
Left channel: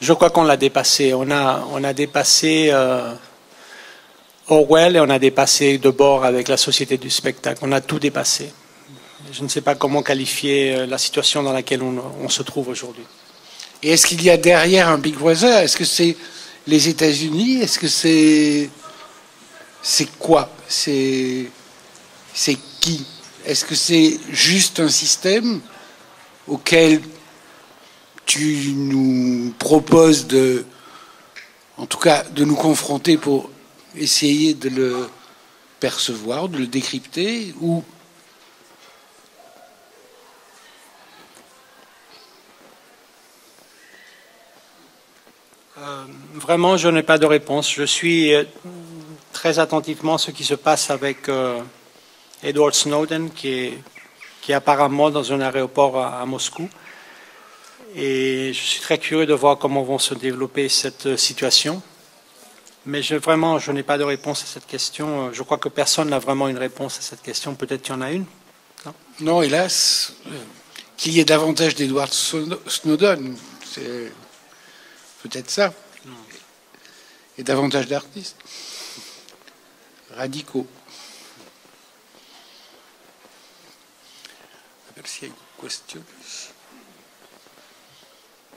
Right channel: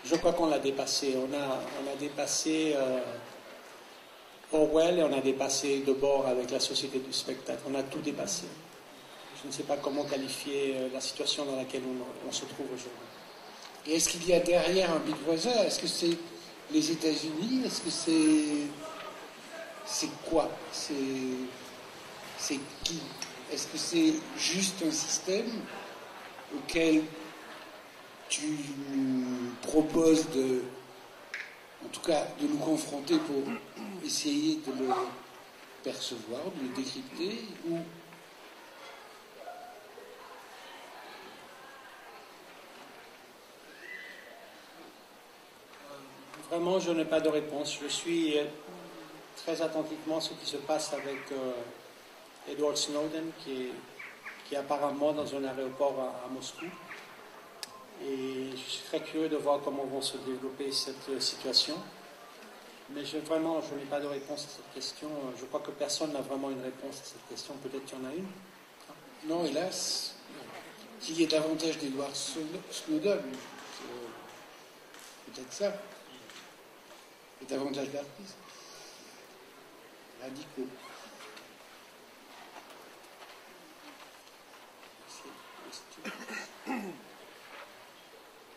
Je crois qu'on l'a dépassé. On a dépassé Orwell et on a dépassé Debord avec la société du spectacle. On a tout dépassé. Je ne sais pas comment qualifier la situation dans laquelle on se trouve aujourd'hui. Et est-ce qu'il y a derrière un Big Brother? Est-ce que c'est les États-Unis? Est-ce que c'est quoi? C'est qui? Est-ce que c'est juste un système auquel tu nous proposes en tout cas, de nous confronter pour essayer de le percevoir, de le décrypter, ou vraiment, je n'ai pas de réponse. Je suis très attentivement ce qui se passe avec Edward Snowden, qui est apparemment dans un aéroport à Moscou. Et je suis très curieux de voir comment vont se développer cette situation. Mais vraiment, je n'ai pas de réponse à cette question. Je crois que personne n'a vraiment une réponse à cette question. Peut-être qu'il y en a une. Non, hélas, qu'il y ait davantage d'Edward Snowden, c'est peut-être ça. Et davantage d'artistes radicaux. S'il y a une question.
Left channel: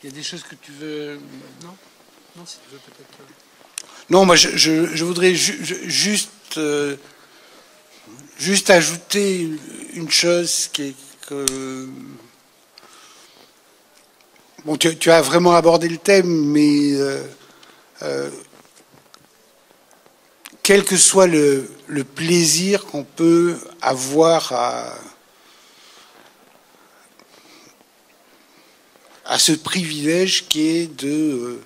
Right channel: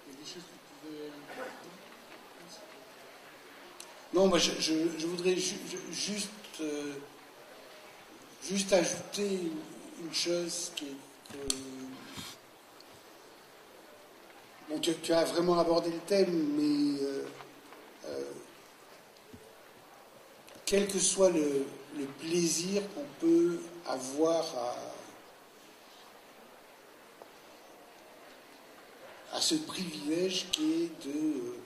Il y a des choses que tu veux... Non, si tu veux peut-être... Non, moi, je voudrais juste ajouter une chose qui est que... Bon, tu as vraiment abordé le thème, mais quel que soit le plaisir qu'on peut avoir à ce privilège qui est de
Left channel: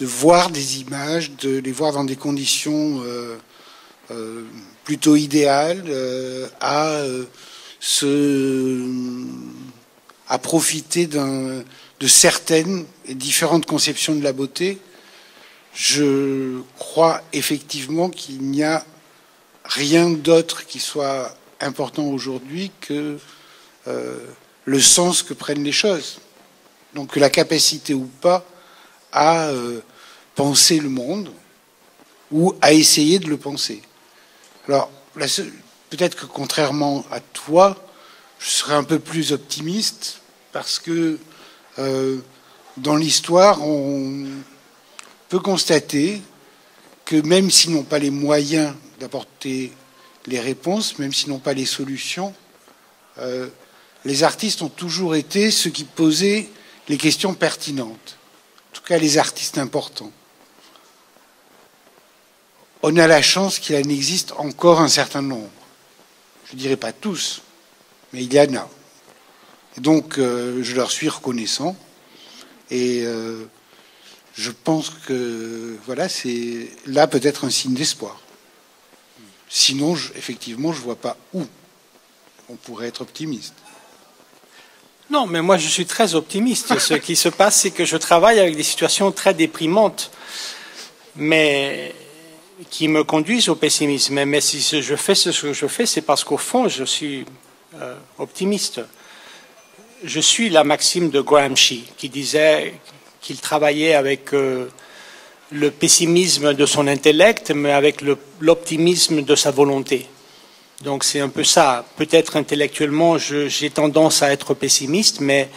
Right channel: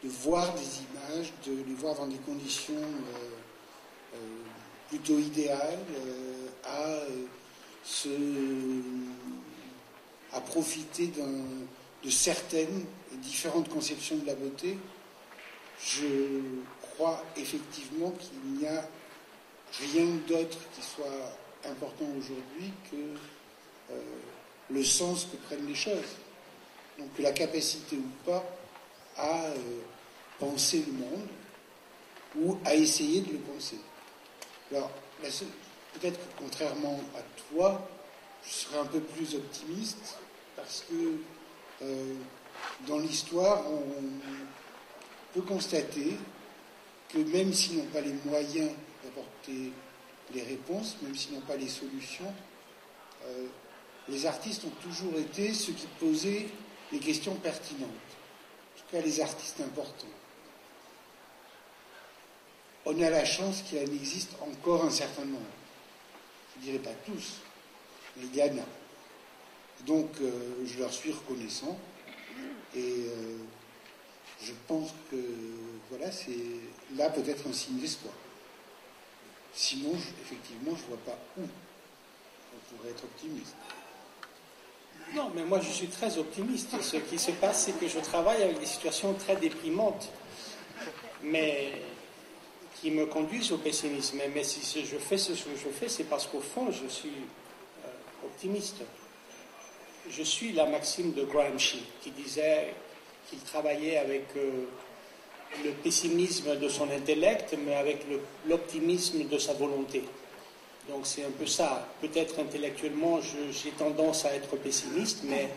voir des images, de les voir dans des conditions plutôt idéales, à profiter de certaines et différentes conceptions de la beauté. Je crois effectivement qu'il n'y a rien d'autre qui soit important aujourd'hui que le sens que prennent les choses. Donc la capacité ou pas à penser le monde ou à essayer de le penser. Alors, peut-être que contrairement à toi, je serais un peu plus optimiste parce que dans l'histoire, on peut constater que même s'ils n'ont pas les moyens d'apporter les réponses, même s'ils n'ont pas les solutions, les artistes ont toujours été ceux qui posaient les questions pertinentes. En tout cas, les artistes importants. On a la chance qu'il en existe encore un certain nombre. Je ne dirais pas tous, mais il y en a. Et donc, je leur suis reconnaissant. Et je pense que voilà, c'est là peut-être un signe d'espoir. Sinon, effectivement, je ne vois pas où on pourrait être optimiste. Non, mais moi je suis très optimiste. Ce qui se passe, c'est que je travaille avec des situations très déprimantes, mais qui me conduisent au pessimisme. Mais si je fais ce que je fais, c'est parce qu'au fond, je suis optimiste. Je suis la maxime de Gramsci, qui disait qu'il travaillait avec le pessimisme de son intellect, mais avec l'optimisme de sa volonté. Donc c'est un peu ça. Peut-être intellectuellement, j'ai tendance à être pessimiste, mais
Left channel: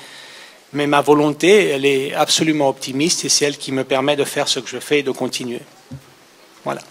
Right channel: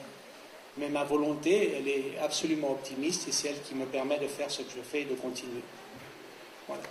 ma volonté, elle est absolument optimiste et c'est elle qui me permet de faire ce que je fais et de continuer. Voilà.